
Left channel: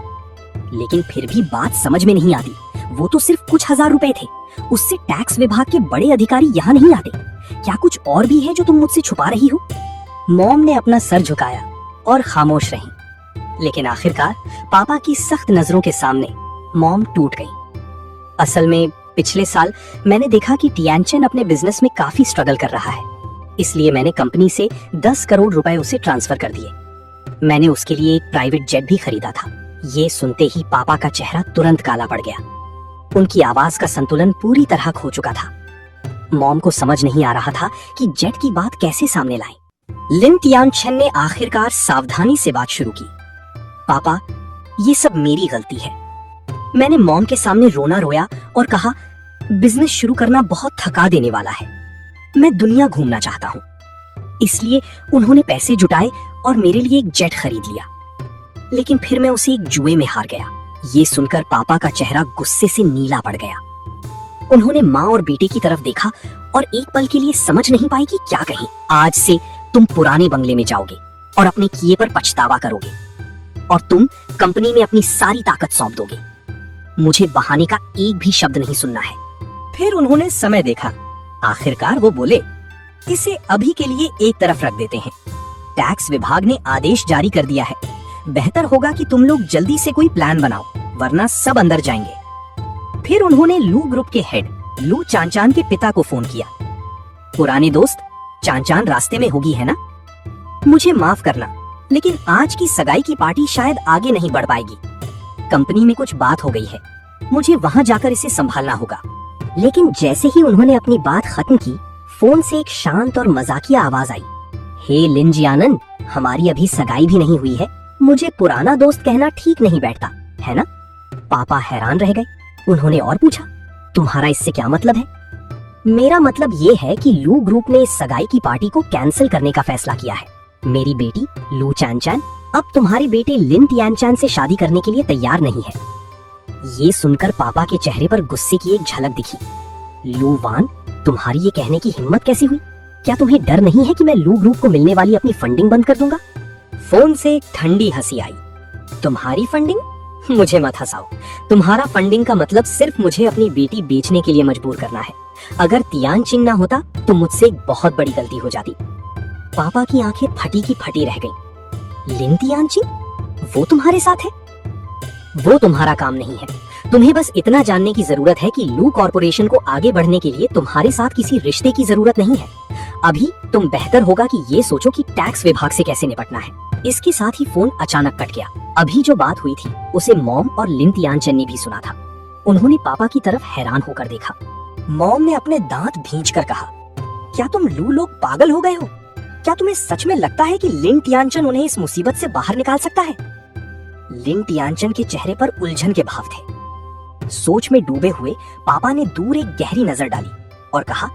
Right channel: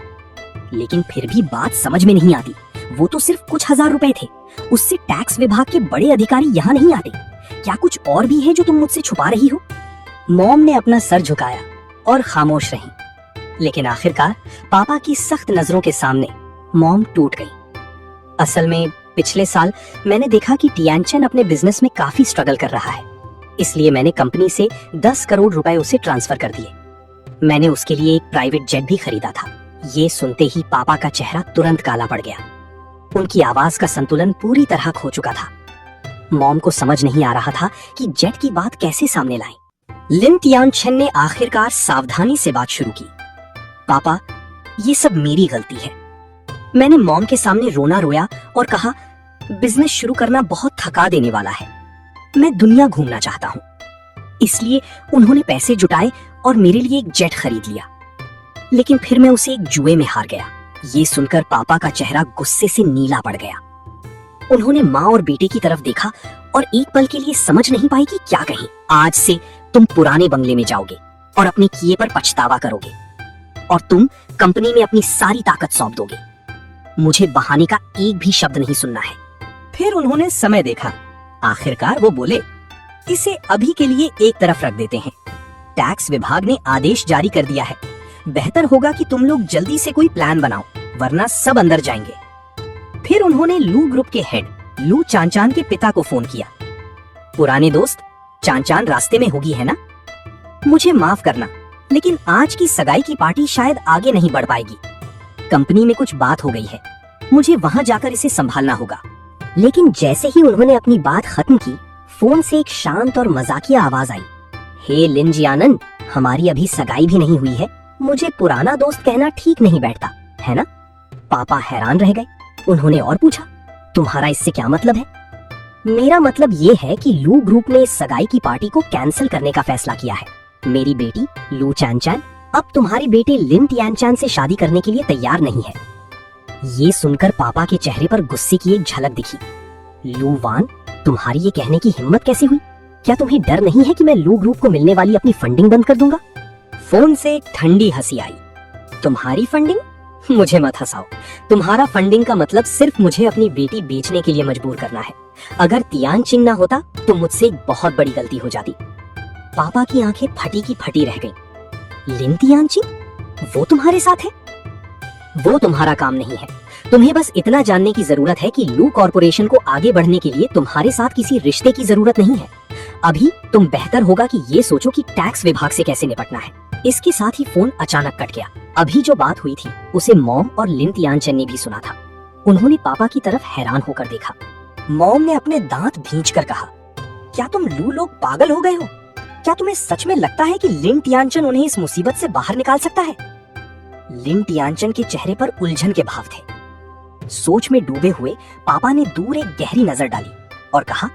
लेकिन फिर भी बात समझ में नहीं आती। वो तो सिर्फ कुछ हजार रुपए थे, उससे टैक्स विभाग के बड़े अधिकारी यहाँ नहीं आते। क्या कुछ और भी है जो तुम मुझसे छुपा रही हो? मॉम ने अपना सर झुकाया और खामोश रही। लेकिन आखिरकार पापा की सख्त नजरों के सामने मॉम टूट गई। असल में पिछले साल मैंने देखा कि टियानशिन अपने बिजनेस में काफी स्ट्रगल कर रहा है, इसलिए मैंने कंपनी से 10 करोड़ रुपए उसे ट्रांसफर कर दिए। मैंने उसके लिए एक प्राइवेट जेट भी खरीदा था। ये सुनते ही पापा का चेहरा तुरंत काला पड़ गया। उनकी आवाज का संतुलन पूरी तरह खो चुका था। मॉम को समझ नहीं आ रहा था कि जेट की बात कैसे सामने लाएं। लिन टियानशिन ने आखिरकार सावधानी से बात शुरू की। पापा, ये सब मेरी गलती है। मैंने मॉम के सामने रोना रोया और कहा, बिजनेस शुरू करना बहुत थका देने वाला है। मैं दुनिया घूमना चाहता हूँ। इसलिए उन्होंने पैसे जुटाए और मेरे लिए एक जेट खरीद लिया। लेकिन फिर मैं उसे एक जुए में हार गया। ये सुनकर पापा का चेहरा गुस्से से नीला पड़ गया। उन्होंने माँ और बेटे की तरफ देखा और एक पल के लिए समझ नहीं पाई कि क्या कहें। आज से तुम पुराने बंगले में जाओगे और अपने किए पर पछतावा करोगे, और तुम कंपनी में अपनी सारी ताकत सौंप दोगे। मुझे बहाने का एक भी शब्द नहीं सुनना है। फिर उन्होंने समय देखा। आखिरकार वो बोले, इसे अभी के लिए एक तरफ रख देते हैं। टैक्स विभाग ने आदेश जारी कर दिया है। बेहतर होगा कि तुम लोग जल्दी से कोई प्लान बनाओ, वरना सब अंदर जाएंगे। फिर उन्होंने लू ग्रुप के हेड लू चांचान के पिता को फोन किया। पुराने दोस्त, चांचान रास्ते में होगी है ना? मुझे माफ करना, लेकिन आज की सगाई की पार्टी शायद आगे नहीं बढ़ पाएगी। कंपनी में कुछ बात हो गई है, मुझे वहां जाकर इसे संभालना होगा। लेकिन जैसे ही उन्होंने अपनी बात खत्म की, फोन से एक शांत और मजाकिया आवाज आई। हे लिन जियानन, हमारी अभी सगाई भी नहीं हुई है। मुझे पुराना दोस्त कहना ठीक नहीं बैठता, है ना? पापा हैरान रह गए। उन्होंने और पूछा, तुम्हारा इससे क्या मतलब है? मेरा मतलब ये है कि लू ग्रुप ने इस सगाई की पार्टी को कैंसिल करने का फैसला किया है। मेरी बेटी लू चांचान अब तुम्हारे बेटे लिन टियानशिन से शादी करने के लिए तैयार नहीं है। ये सुनकर पापा के चेहरे पर गुस्से की एक झलक दिखी। लू वान, तुम्हारी ये कहने की हिम्मत कैसे हुई? क्या तुम्हें डर नहीं है कि मैं लू ग्रुप को मिलने वाली अपनी फंडिंग बंद कर दूंगा? फोन से एक ठंडी हंसी आई। तुम्हारी फंडिंग? मुझे मत हंसाओ। तुम्हारा फंडिंग का मतलब सिर्फ मुझे अपनी बेटी बेचने के लिए मजबूर करना है। अगर तियानशिन ना होता तो मुझसे एक बहुत बड़ी गलती हो जाती। पापा की आंखें फटी की फटी रह गईं। लिन तियानशिन? वो तुम्हारे साथ है? वो तुम्हारा काम नहीं है। तुम्हें बस इतना जानने की जरूरत है कि लू कॉर्पोरेशन को आगे बढ़ने के लिए तुम्हारे साथ किसी रिश्ते की जरूरत नहीं है। अभी तुम बेहतर होगा कि ये सोचो कि टैक्स विभाग से कैसे निपटना है। इसके साथ ही फोन अचानक कट गया। अभी जो बात हुई थी उसे मॉम और लिन तियानशिन ने भी सुना था। उन्होंने पापा की तरफ हैरान होकर देखा। मॉम ने अपने दांत भींचकर कहा, क्या तुम लू लोग पागल हो गए हो? क्या तुम्हें सच में लगता है कि लिन तियानशिन उन्हें इस मुसीबत से बाहर निकाल सकता है? लिन तियानशिन के चेहरे पर उलझन के भाव थे। सोच में डूबे हुए पापा ने दूर एक गहरी नजर डाली और कहा,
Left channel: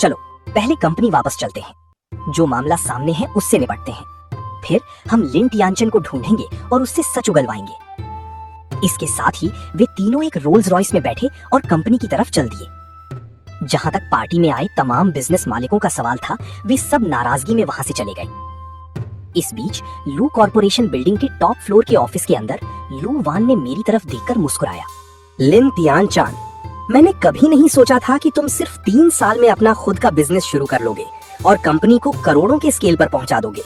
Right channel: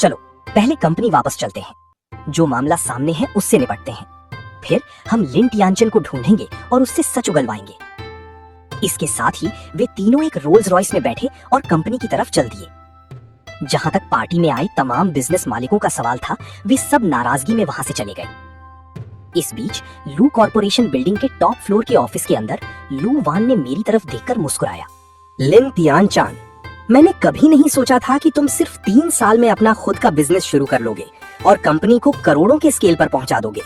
चलो पहले कंपनी वापस चलते हैं। जो मामला सामने है उससे निपटते हैं। फिर हम लिन तियानशिन को ढूंढेंगे और उससे सच उगलवाएंगे। इसके साथ ही वे तीनों एक रोल्स रॉयस में बैठे और कंपनी की तरफ चल दिए। जहाँ तक पार्टी में आए तमाम बिजनेस मालिकों का सवाल था, वे सब नाराजगी में वहां से चले गए। इस बीच लू कॉर्पोरेशन बिल्डिंग के टॉप फ्लोर के ऑफिस के अंदर लू वान ने मेरी तरफ देखकर मुस्कुराया। लिन तियानचान, मैंने कभी नहीं सोचा था कि तुम सिर्फ 3 साल में अपना खुद का बिजनेस शुरू कर लोगे और कंपनी को करोड़ों के स्केल पर पहुंचा दोगे।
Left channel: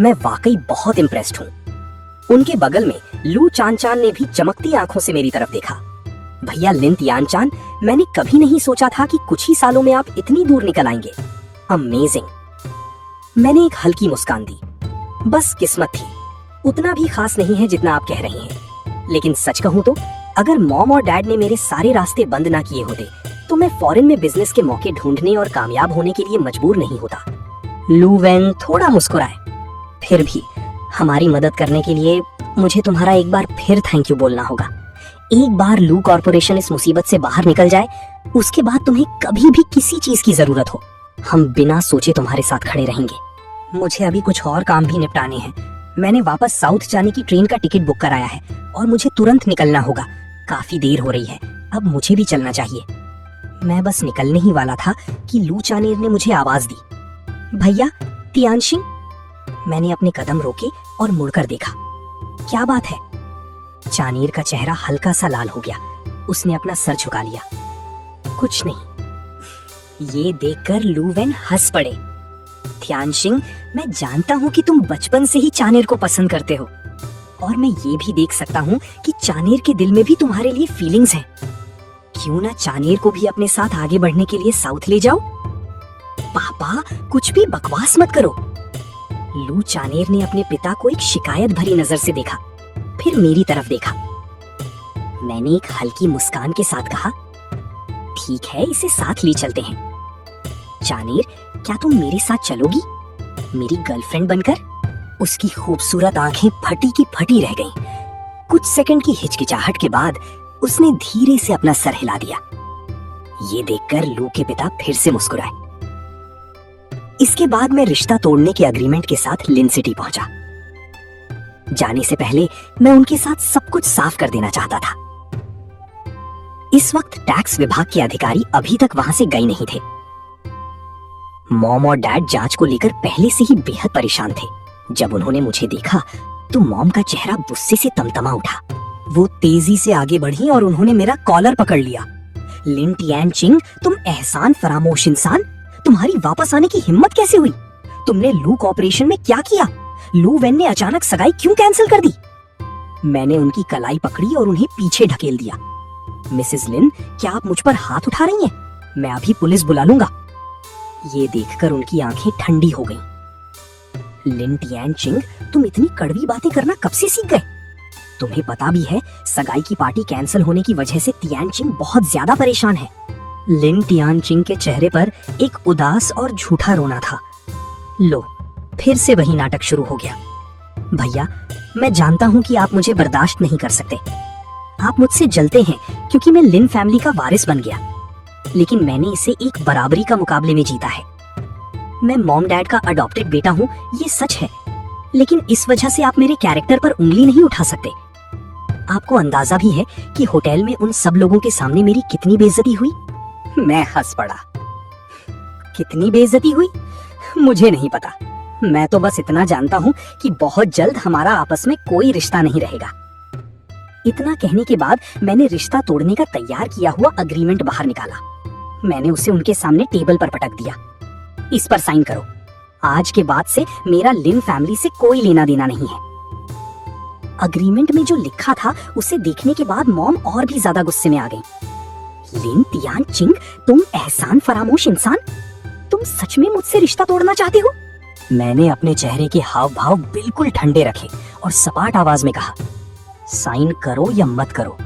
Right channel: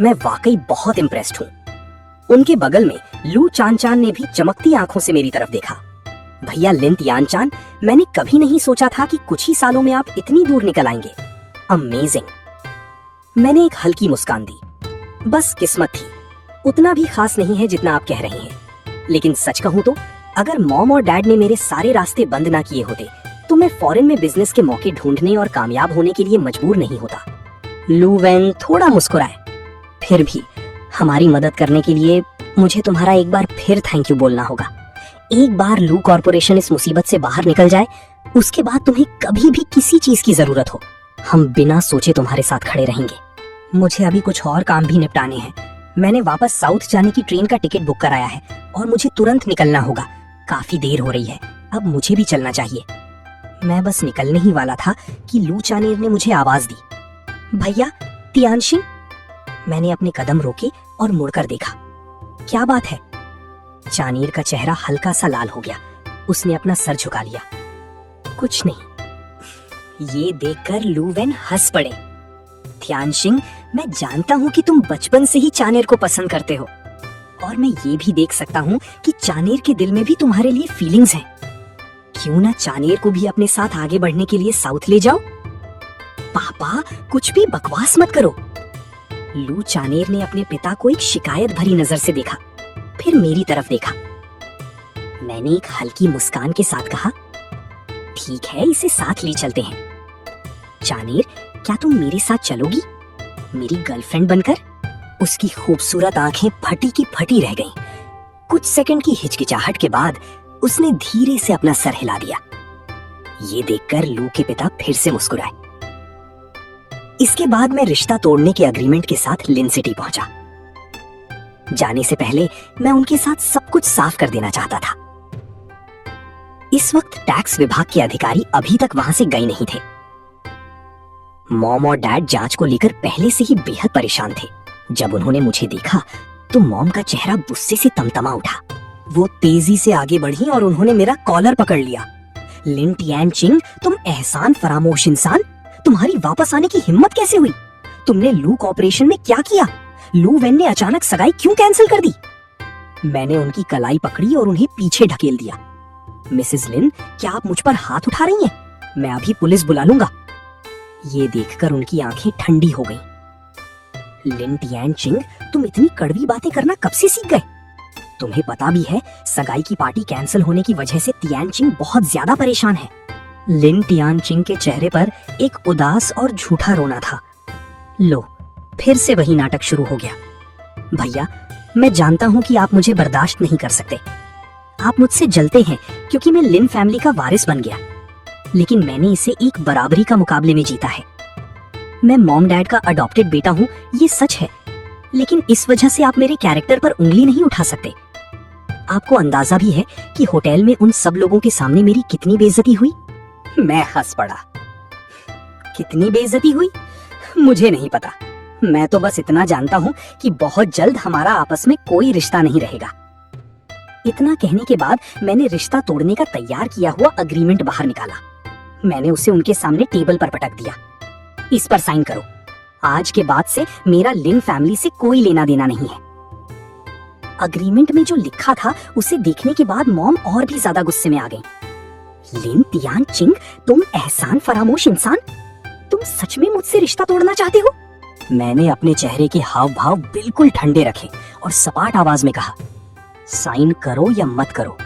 मैं वाकई बहुत इम्प्रेस्ड हूँ। उनके बगल में लू चानचान ने भी चमकती आंखों से मेरी तरफ देखा। भैया लिन तियानचान, मैंने कभी नहीं सोचा था कि कुछ ही सालों में आप इतनी दूर निकल आएंगे। अमेजिंग। मैंने एक हल्की मुस्कान दी। बस किस्मत थी, उतना भी खास नहीं है जितना आप कह रही हैं। लेकिन सच कहूं तो अगर मॉम और डैड ने मेरे सारे रास्ते बंद ना किए होते तो मैं फॉरेन में बिजनेस के मौके ढूंढने और कामयाब होने के लिए मजबूर नहीं होता। लू वैन थोड़ा मुस्कुराए। फिर भी हमारी मदद करने के लिए मुझे तुम्हारा एक बार फिर थैंक यू बोलना होगा। एक बार लू कॉर्पोरेशन इस मुसीबत से बाहर निकल जाए, उसके बाद तुम्हें कभी भी किसी चीज की जरूरत हो, हम बिना सोचे तुम्हारे साथ खड़े रहेंगे। मुझे अभी कुछ और काम भी निपटाने हैं। मैंने वापस साउथ जाने की ट्रेन का टिकट बुक कराया है और मुझे तुरंत निकलना होगा। काफी देर हो रही है, अब मुझे भी चलना चाहिए। मैं बस निकलने ही वाला था कि लू चानेर ने मुझे आवाज दी, भैया तियानशिंग। मैंने अपने कदम रोके और मुड़कर देखा। क्या बात है? चानेर का चेहरा हल्का सा लाल हो गया। उसने अपना सर झुका लिया। कुछ नहीं। ये देखकर लू वैन हंस पड़े। तियानशिंग, मैं जानता हूँ कि तुम बचपन से ही चानेर को पसंद करते हो और मैं ये भी देख सकता हूँ कि चानेर के दिल में भी तुम्हारे लिए फीलिंग्स हैं। क्यों ना चानेर को भी अपने साथ आगे बढ़ने के लिए साउथ ले जाओ? पापा, कुछ भी बकवास मत करो। लू चानेर ने अपने पिता को एक शिकायत भरी नजर से देखा, फिर मेरी तरफ देखा। मैंने एक हल्की मुस्कान के साथ कहा, ठीक है, इसे साथ ले चलते हैं। चानेर, क्या तुम मेरे साथ चलोगी मेरी गर्लफ्रेंड बनकर? उसकी खूबसूरत आंखें फटी की फटी रह गईं। कुछ सेकंड की हिचकिचाहट के बाद उसने धीरे से अपना सर हिला दिया। ये देखकर लू के पिता फिर से मुस्कुराए। इसके बाद मैं रिश्ता तोड़ने के एग्रीमेंट के साथ लिन सिटी पहुंचा। जाने से पहले मैं उनके साथ सब कुछ साफ कर देना चाहता था। इस वक्त टैक्स विभाग के अधिकारी अभी तक वहां से गए नहीं थे। मॉम और डैड जांच को लेकर पहले से ही बेहद परेशान थे। जब उन्होंने मुझे देखा तो मॉम का चेहरा गुस्से से तमतमा उठा। वो तेजी से आगे बढ़ी और उन्होंने मेरा कॉलर पकड़ लिया। लिन तियानचिंग, तुम एहसान फरामोश इंसान, तुम्हारी वापस आने की हिम्मत कैसे हुई? तुमने लू कॉर्पोरेशन में क्या किया? लू वैन ने अचानक सगाई क्यों कैंसिल कर दी? मैंने उनकी कलाई पकड़ी और उन्हें पीछे ढकेल दिया। मिसेस लिन, क्या आप मुझ पर हाथ उठा रही हैं? मैं अभी पुलिस बुला लूंगा। ये देखकर उनकी आंखें ठंडी हो गईं। लिन तियानचिंग, तुम इतनी कड़वी बातें करना कब से सीख गए? तुम्हें पता भी है सगाई की पार्टी कैंसिल होने की वजह से तियानचिंग बहुत ज्यादा परेशान है। लिन तियानचिंग के चेहरे पर एक उदास और झूठा रोना था। लो, फिर से वही नाटक शुरू हो गया। भैया, मैं जानता हूँ कि आप मुझे बर्दाश्त नहीं कर सकते। आप मुझसे जलते हैं क्योंकि मैं लिन फैमिली का वारिस बन गया, लेकिन मैंने इसे एक बराबरी का मुकाबले में जीता है। मैं मॉम डैड का अडॉप्टेड बेटा हूँ, ये सच है, लेकिन इस वजह से आप मेरे कैरेक्टर पर उंगली नहीं उठा सकते। आपको अंदाजा भी है कि होटल में उन सब लोगों के सामने मेरी कितनी बेइज्जती हुई। मैं हंस पड़ा। कितनी बेइज्जती हुई मुझे नहीं पता। मैं तो बस इतना जानता हूँ कि बहुत जल्द हमारा आपस में कोई रिश्ता नहीं रहेगा। इतना कहने के बाद मैंने रिश्ता तोड़ने का तैयार किया हुआ अग्रीमेंट बाहर निकाला। मैंने उसे उनके सामने टेबल पर पटक दिया। इस पर साइन करो। आज के बाद से मेरा लिन फैमिली से कोई लेना देना नहीं है। अग्रीमेंट में जो लिखा था उसे देखने के बाद मॉम और भी ज्यादा गुस्से में आ गई। लिन तियानचिंग, तुम एहसान फरामोश इंसान, तुम सच में मुझसे रिश्ता तोड़ना चाहते हो? मैंने अपने चेहरे के हाव भाव बिल्कुल ठंडे रखे और सपाट आवाज में कहा, साइन करो या मत करो,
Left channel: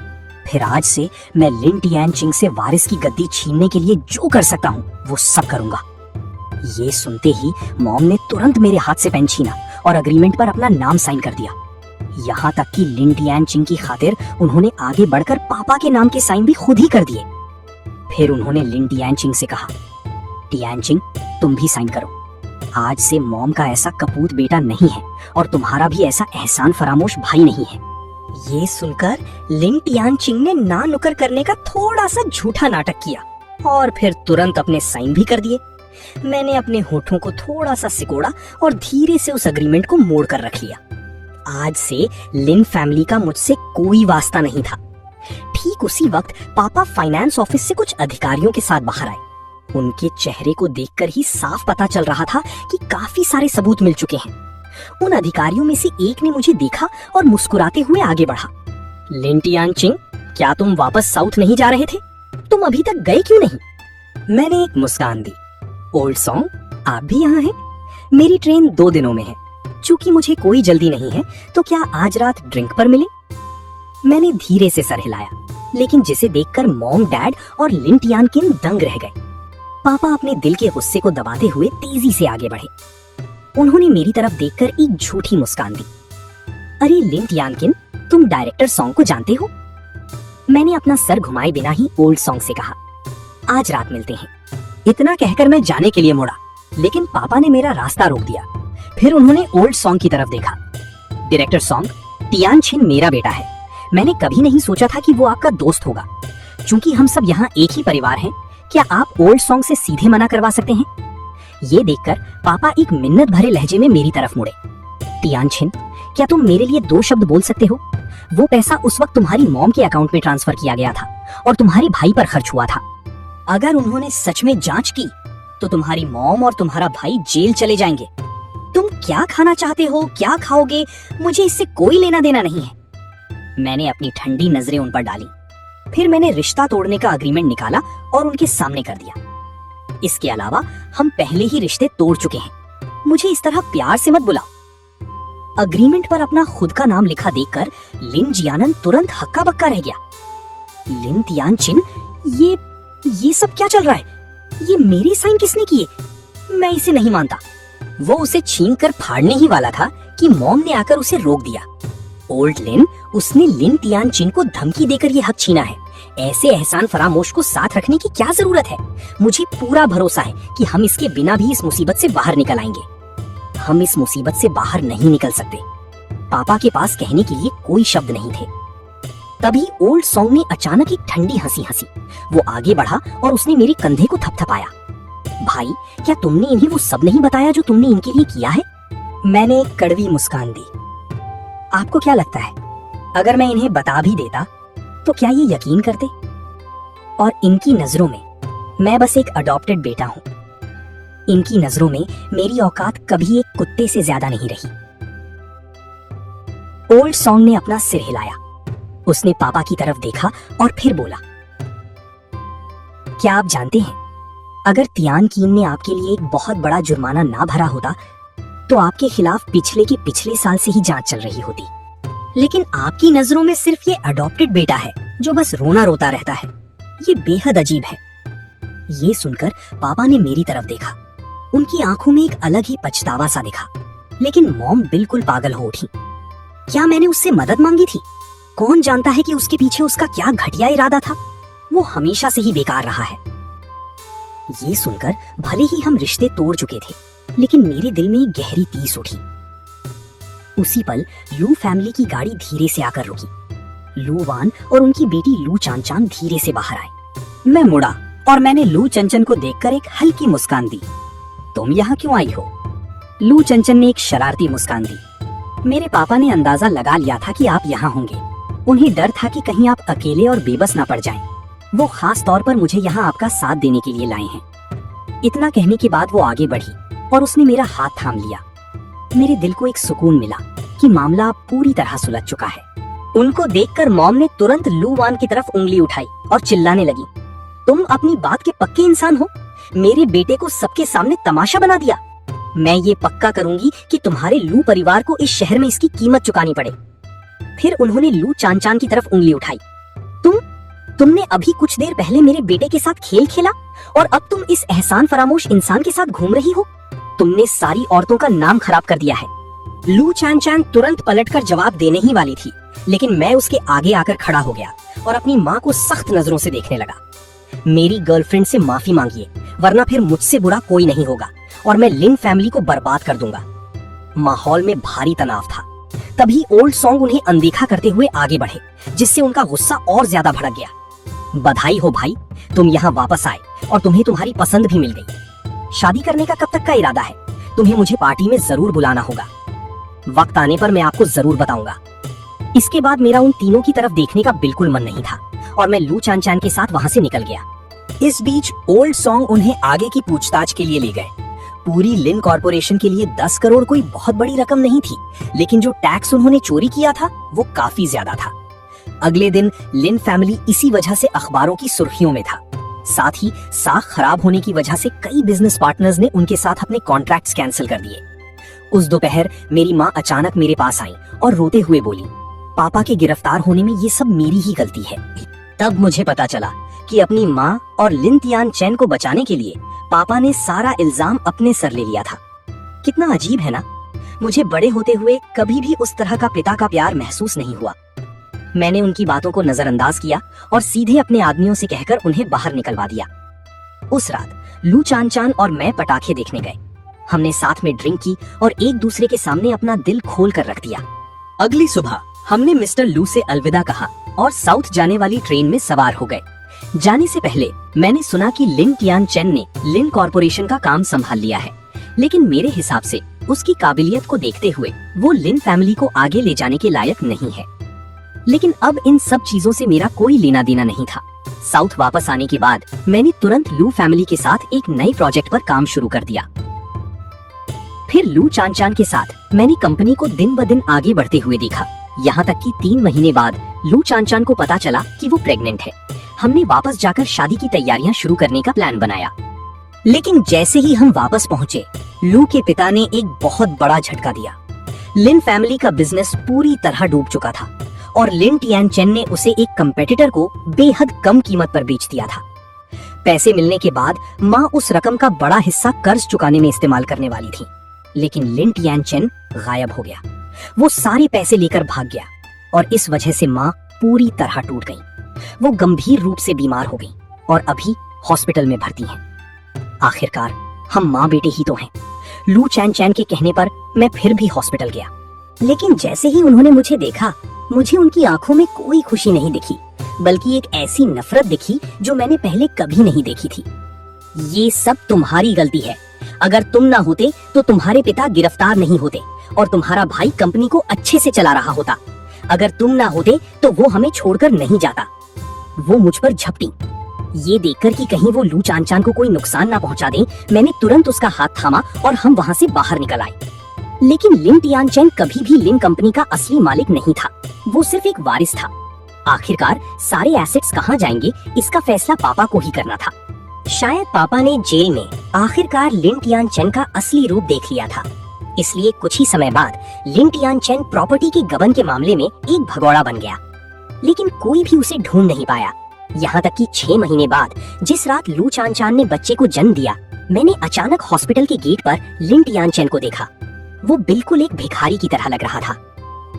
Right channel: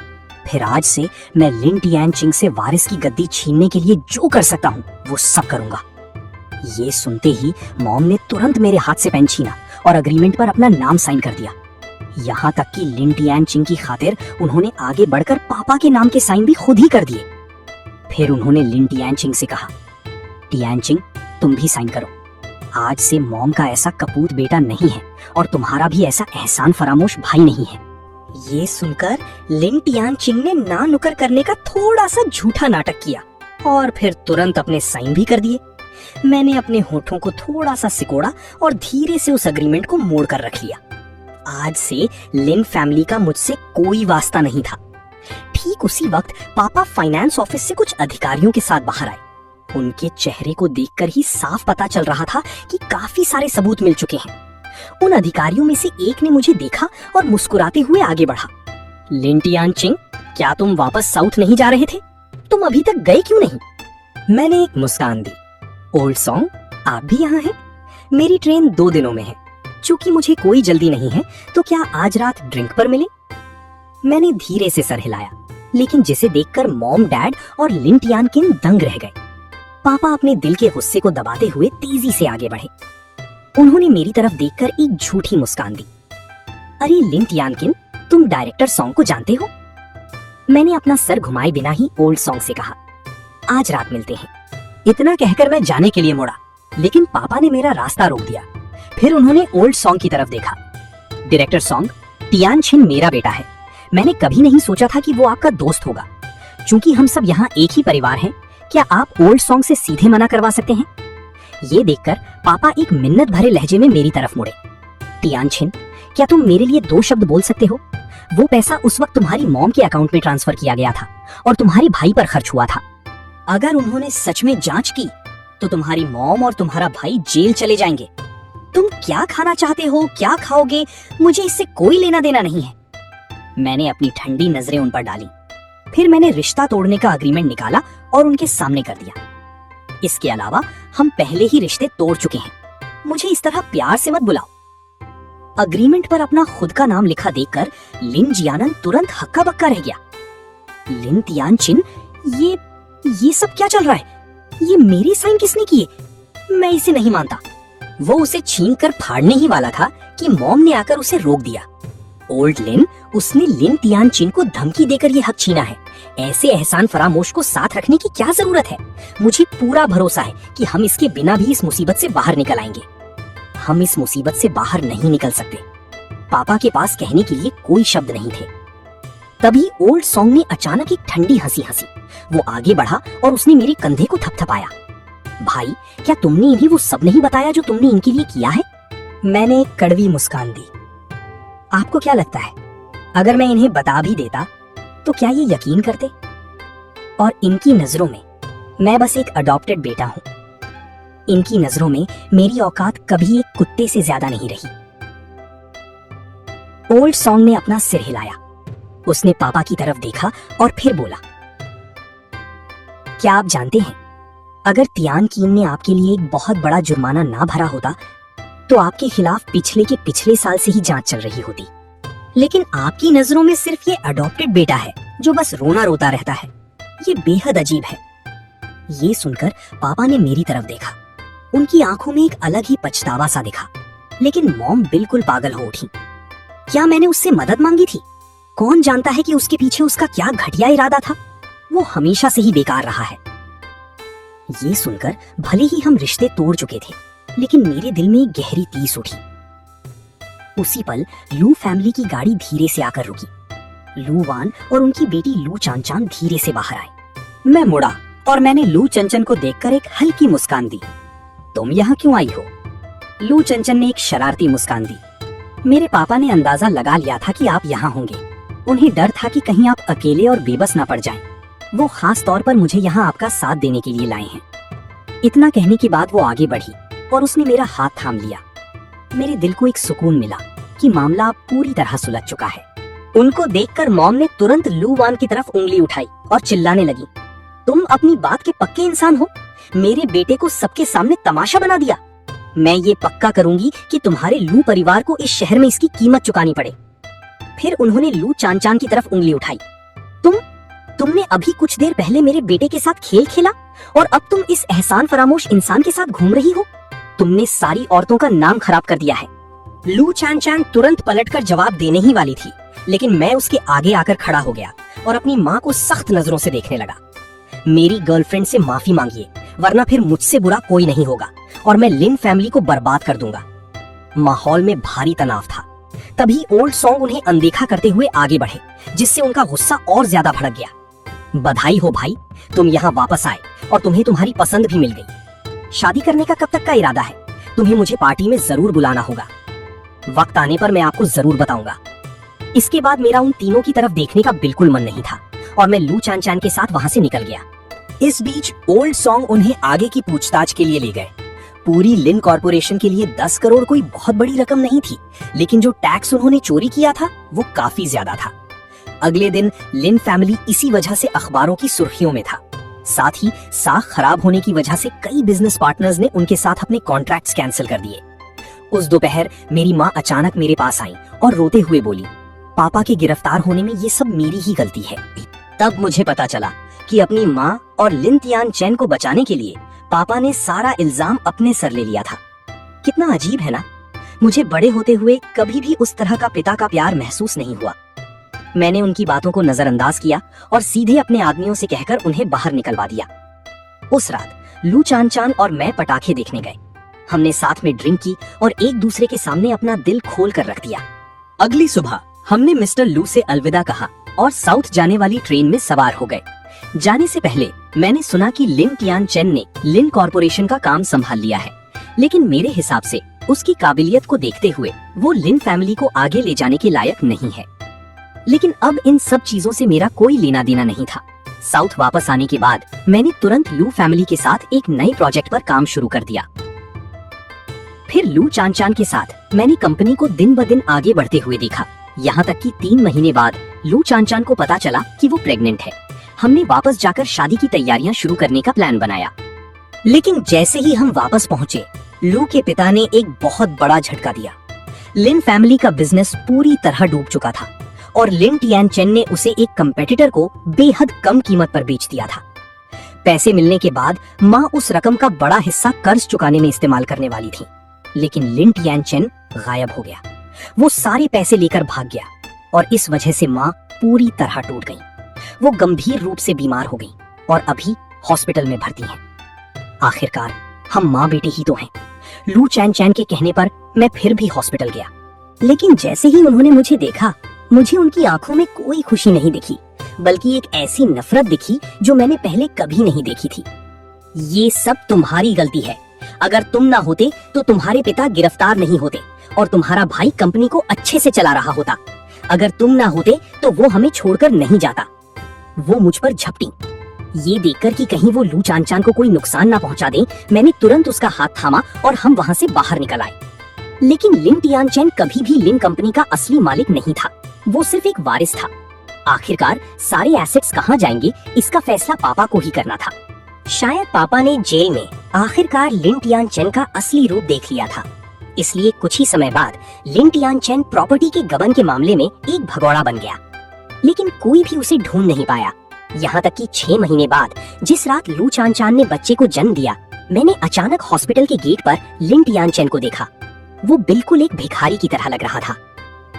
फिर आज से मैं लिन तियानचिंग से वारिस की गद्दी छीनने के लिए जो कर सकता हूँ वो सब करूंगा। ये सुनते ही मॉम ने तुरंत मेरे हाथ से पेन छीना और अग्रीमेंट पर अपना नाम साइन कर दिया। यहाँ तक कि लिन तियानचिंग की खातिर उन्होंने आगे बढ़कर पापा के नाम के साइन भी खुद ही कर दिए। फिर उन्होंने लिन तियानचिंग से कहा, तियानचिंग, तुम भी साइन करो। आज से मॉम का ऐसा कपूत बेटा नहीं है और तुम्हारा भी ऐसा एहसान फरामोश भाई नहीं है। ये सुनकर लिन तियानचिंग ने ना नुकर करने का थोड़ा सा झूठा नाटक किया और फिर तुरंत अपने साइन भी कर दिए। मैंने अपने होठों को थोड़ा सा सिकोड़ा और धीरे से उस अग्रीमेंट को मोड़ कर रख लिया। आज से लिन फैमिली का मुझसे कोई वास्ता नहीं था। ठीक उसी वक्त पापा फाइनेंस ऑफिस से कुछ अधिकारियों के साथ बाहर आए। उनके चेहरे को देखकर ही साफ पता चल रहा था कि काफी सारे सबूत मिल चुके हैं। उन अधिकारियों में से एक ने मुझे देखा और मुस्कुराते हुए आगे बढ़ा। लिन टियानचिन, क्या तुम वापस साउथ नहीं जा रहे थे? तुम अभी तक गए क्यों नहीं? मैंने एक मुस्कान दी। ओल्ड सॉन्ग, आप भी यहाँ हैं? मेरी ट्रेन 2 दिनों में है। चूंकि मुझे कोई जल्दी नहीं है, तो क्या आज रात ड्रिंक पर मिले? मैंने धीरे से सर हिलाया, लेकिन जिसे देखकर मॉम, डैड और लिन टियानकिन दंग रह गए। पापा अपने दिल के गुस्से को दबाते हुए तेजी से आगे बढ़े। उन्होंने मेरी तरफ देखकर एक झूठी मुस्कान दी। अरे लिन टियानकिन, तुम डायरेक्टर सॉन्ग को जानते हो? मैंने अपना सर घुमाए बिना ही ओल्ड सॉन्ग से कहा, आज रात मिलते हैं। इतना कहकर मैं जाने के लिए मुड़ा, लेकिन पापा ने मेरा रास्ता रोक दिया। फिर उन्होंने ओल्ड सॉन्ग की तरफ देखा। डायरेक्टर सॉन्ग, टियानचिन मेरा बेटा है। मैंने कभी नहीं सोचा था कि वो आपका दोस्त होगा। चूंकि हम सब यहाँ एक ही परिवार हैं, क्या आप ओल्ड सॉन्ग से सीधे मना करवा सकते हैं? ये देखकर पापा एक मिन्नत भरे लहजे में मेरी तरफ मुड़े। टियानचिन, क्या तुम मेरे लिए 2 शब्द बोल सकते हो? वो पैसा उस वक्त तुम्हारी मॉम के अकाउंट में ट्रांसफर किया गया था और तुम्हारे भाई पर खर्च हुआ था। अगर उन्होंने सच में जांच की तो तुम्हारी मॉम और तुम्हारा भाई जेल चले जाएंगे। तुम क्या खाना चाहते हो, क्या खाओगे, मुझे इससे कोई लेना देना नहीं है। मैंने अपनी ठंडी नजरें उन पर डाली। फिर मैंने रिश्ता तोड़ने का अग्रीमेंट निकाला और उनके सामने कर दिया। इसके अलावा हम पहले ही रिश्ते तोड़ चुके हैं। मुझे इस तरह प्यार से मत बुलाओ। अग्रीमेंट पर अपना खुद का नाम लिखा देखकर लिन जियानन तुरंत हक्का बक्का रह गया। लिन टियानचिन, ये सब क्या चल रहा है? ये मेरे साइन किसने किए? मैं इसे नहीं मानता। वो उसे छीनकर फाड़ने ही वाला था कि मॉम ने आकर उसे रोक दिया। ओल्ड लिन, उसने लिन टियानचिन को धमकी देकर ये हक छीना है। ऐसे एहसान फरामोश को साथ रखने की क्या जरूरत है? मुझे पूरा भरोसा है कि हम इसके बिना भी इस मुसीबत से बाहर निकल आएंगे। हम इस मुसीबत से बाहर नहीं निकल सकते। पापा के पास कहने के लिए कोई शब्द नहीं थे। तभी ओल्ड सॉन्ग ने अचानक एक ठंडी हंसी हंसी। वो आगे बढ़ा और उसने मेरे कंधे को थपथपाया। भाई, क्या तुमने इन्हें वो सब नहीं बताया जो तुमने इनके लिए किया है? मैंने एक कड़वी मुस्कान दी। आपको क्या लगता है, अगर मैं इन्हें बता भी देता तो क्या ये यकीन करते? और इनकी नजरों में मैं बस एक अडॉप्टेड बेटा हूँ। इनकी नजरों में मेरी औकात कभी एक कुत्ते से ज्यादा नहीं रही। ओल्ड सॉन्ग ने अपना सिर हिलाया। उसने पापा की तरफ देखा और फिर बोला, क्या आप जानते हैं, अगर तियानकिन ने आपके लिए एक बहुत बड़ा जुर्माना ना भरा होता तो आपके खिलाफ पिछले साल से ही जांच चल रही होती। लेकिन आपकी नजरों में सिर्फ ये अडॉप्टेड बेटा है जो बस रोना रोता रहता है। ये बेहद अजीब है। ये सुनकर पापा ने मेरी तरफ देखा। उनकी आंखों में एक अलग ही पछतावा सा दिखा। लेकिन मॉम बिल्कुल पागल हो उठी। क्या मैंने उससे मदद मांगी थी? कौन जानता है कि उसके पीछे उसका क्या घटिया इरादा था। वो हमेशा से ही बेकार रहा है। ये सुनकर भले ही हम रिश्ते तोड़ चुके थे, लेकिन मेरे दिल में एक गहरी टीस उठी। उसी पल लू फैमिली की गाड़ी धीरे से आकर रुकी। लू वान और उनकी बेटी लू चांचान धीरे से बाहर आए। मैं मुड़ा और मैंने लू चंचन को देखकर एक हल्की मुस्कान दी। तुम यहाँ क्यों आई हो? लू चंचन ने एक शरारती मुस्कान दी। मेरे पापा ने अंदाजा लगा लिया था कि आप यहाँ होंगे। उन्हें डर था कि कहीं आप अकेले और बेबस ना पड़ जाएं। वो खास तौर पर मुझे यहाँ आपका साथ देने के लिए लाए हैं। इतना कहने के बाद वो आगे बढ़ी और उसने मेरा हाथ थाम लिया। मेरे दिल को एक सुकून मिला कि मामला अब पूरी तरह सुलझ चुका है। उनको देखकर मॉम ने तुरंत लू वान की तरफ उंगली उठाई और चिल्लाने लगी, तुम अपनी बात के पक्के इंसान हो। मेरे बेटे को सबके सामने तमाशा बना दिया। मैं ये पक्का करूंगी कि तुम्हारे लू परिवार को इस शहर में इसकी कीमत चुकानी पड़े। फिर उन्होंने लू चांचान की तरफ उंगली उठाई। तुमने अभी कुछ देर पहले मेरे बेटे के साथ खेल खेला और अब तुम इस एहसान फरामोश इंसान के साथ घूम रही हो। तुमने सारी औरतों का नाम खराब कर दिया है। लू चांचान तुरंत पलटकर जवाब देने ही वाली थी, लेकिन मैं उसके आगे आकर खड़ा हो गया और अपनी माँ को सख्त नजरों से देखने लगा। मेरी गर्लफ्रेंड से माफी मांगिए, वरना फिर मुझसे बुरा कोई नहीं होगा और मैं लिन फैमिली को बर्बाद कर दूंगा। माहौल में भारी तनाव था। तभी ओल्ड सॉन्ग उन्हें अनदेखा करते हुए आगे बढ़े, जिससे उनका गुस्सा और ज्यादा भड़क गया। बधाई हो भाई, तुम यहाँ वापस आए और तुम्हें तुम्हारी पसंद भी मिल गई। शादी करने का कब तक का इरादा है? तुम्हें मुझे पार्टी में जरूर बुलाना होगा। वक्त आने पर मैं आपको जरूर बताऊंगा। इसके बाद मेरा उन तीनों की तरफ देखने का बिल्कुल मन नहीं था और मैं लू चान के साथ वहां से निकल गया। इस बीच ओल्ड सॉन्ग उन्हें आगे की पूछताछ के लिए ले गए। पूरी लिन कॉर्पोरेशन के लिए 10 करोड़ कोई बहुत बड़ी रकम नहीं थी, लेकिन जो टैक्स उन्होंने चोरी किया था वो काफी ज्यादा था। अगले दिन लिन फैमिली इसी वजह से अखबारों की सुर्खियों में था। साथ ही साख खराब होने की वजह से कई बिजनेस पार्टनर्स ने उनके साथ अपने कॉन्ट्रैक्ट्स कैंसिल कर दिए। उस दोपहर मेरी माँ अचानक मेरे पास आई और रोते हुए बोली, पापा के गिरफ्तार होने में ये सब मेरी ही गलती है। तब मुझे पता चला कि अपनी माँ और लिन तियान चेन को बचाने के लिए पापा ने सारा इल्जाम अपने सर ले लिया था। कितना अजीब है ना, मुझे बड़े होते हुए कभी भी उस तरह का पिता का प्यार महसूस नहीं हुआ। मैंने उनकी बातों को नजरअंदाज किया और सीधे अपने आदमियों से कहकर उन्हें बाहर निकलवा दिया। उस रात लू चान और मैं पटाखे देखने गए। हमने साथ में ड्रिंक की और एक दूसरे के सामने अपना दिल खोल कर रख दिया। अगली सुबह हमने मिस्टर लू से अलविदा कहा और साउथ जाने वाली ट्रेन में सवार हो गए। जाने से पहले मैंने सुना कि लिन तियान चेन ने लिन कॉर्पोरेशन का काम संभाल लिया है, लेकिन मेरे हिसाब से उसकी काबिलियत को देखते हुए वो लिन फैमिली को आगे ले जाने के लायक नहीं है। लेकिन अब इन सब चीजों से मेरा कोई लेना देना नहीं था। साउथ वापस आने के बाद मैंने तुरंत लू फैमिली के साथ एक नए प्रोजेक्ट पर काम शुरू कर दिया। फिर लू चान के साथ मैंने कंपनी को दिन ब दिन आगे बढ़ते हुए देखा, यहाँ तक कि 3 महीने बाद लू चान को पता चला कि वो प्रेग्नेंट है। हमने वापस जाकर शादी की तैयारियां शुरू करने का प्लान बनाया। लेकिन जैसे ही हम वापस पहुंचे, लू के पिता ने एक बहुत बड़ा झटका दिया। लिन फैमिली का बिजनेस पूरी तरह डूब चुका था और लिन तियान चेन ने उसे एक कंपेटिटर को बेहद कम कीमत पर बेच दिया था। पैसे मिलने के बाद माँ उस रकम का बड़ा हिस्सा कर्ज चुकाने में इस्तेमाल करने वाली थी, लेकिन लिन तियान चेन गायब हो गया। वो सारे पैसे लेकर भाग गया और इस वजह से माँ पूरी तरह टूट गई। वो गंभीर रूप से बीमार हो गई और अभी हॉस्पिटल में भर्ती है। आखिरकार हम माँ बेटे ही तो हैं। लू चान के कहने पर मैं फिर भी हॉस्पिटल गया, लेकिन जैसे ही उन्होंने मुझे देखा, मुझे उनकी आंखों में कोई खुशी नहीं दिखी, बल्कि एक ऐसी नफरत दिखी जो मैंने पहले कभी नहीं देखी थी। ये सब तुम्हारी गलती है। अगर तुम ना होते तो तुम्हारे पिता गिरफ्तार नहीं होते और तुम्हारा भाई कंपनी को अच्छे से चला रहा होता। अगर तुम ना होते तो वो हमें छोड़कर नहीं जाता। वो मुझ पर झपटी। ये देखकर कि कहीं वो लू चान को कोई नुकसान ना पहुंचा दे, मैंने तुरंत उसका हाथ थामा और हम वहां से बाहर निकल आए। लेकिन लिन तियान चेन कभी भी लिन कंपनी का असली मालिक नहीं था, वो सिर्फ एक वारिस था। आखिरकार सारे एसेट्स कहाँ जाएंगे, इसका फैसला पापा को ही करना था। शायद पापा ने जेल में आखिरकार लिन तियान चेन का असली रूप देख लिया था, इसलिए कुछ ही समय बाद लिन तियान चेन प्रॉपर्टी के गबन के मामले में एक भगोड़ा बन गया। लेकिन कोई भी उसे ढूंढ नहीं पाया, यहाँ तक कि 6 महीने बाद जिस रात लू चान ने बच्चे को जन्म दिया, मैंने अचानक हॉस्पिटल के गेट पर लिन तियान चेन को देखा। वो बिल्कुल एक भिखारी की तरह लग रहा था।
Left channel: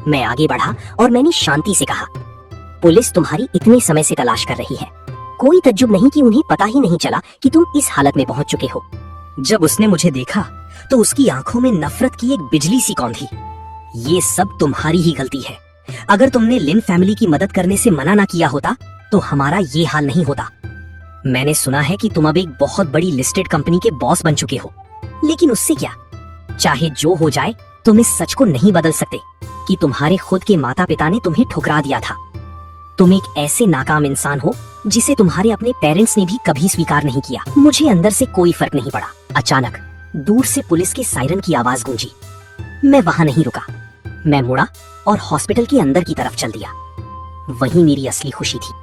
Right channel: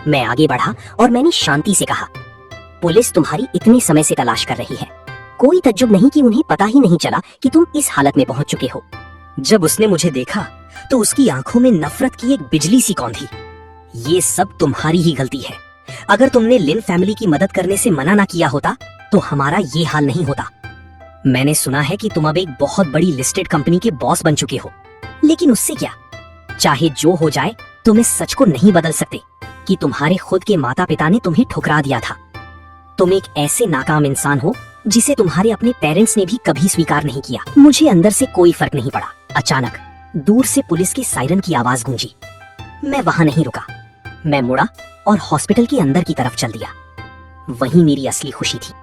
मैं आगे बढ़ा और मैंने शांति से कहा, पुलिस तुम्हारी इतने समय से तलाश कर रही है। कोई तज्जुब नहीं कि उन्हें पता ही नहीं चला कि तुम इस हालत में पहुंच चुके हो। जब उसने मुझे देखा तो उसकी आंखों में नफरत की एक बिजली सी कौंधी। ये सब तुम्हारी ही गलती है। अगर तुमने लिन फैमिली की मदद करने से मना ना किया होता तो हमारा ये हाल नहीं होता। मैंने सुना है कि तुम अब एक बहुत बड़ी लिस्टेड कंपनी के बॉस बन चुके हो, लेकिन उससे क्या, चाहे जो हो जाए तुम इस सच को नहीं बदल सकते कि तुम्हारे खुद के माता पिता ने तुम्हें ठुकरा दिया था। तुम एक ऐसे नाकाम इंसान हो जिसे तुम्हारे अपने पेरेंट्स ने भी कभी स्वीकार नहीं किया। मुझे अंदर से कोई फर्क नहीं पड़ा। अचानक दूर से पुलिस की सायरन की आवाज गूंजी। मैं वहां नहीं रुका, मैं मुड़ा और हॉस्पिटल के अंदर की तरफ चल दिया। वहीं मेरी असली खुशी थी।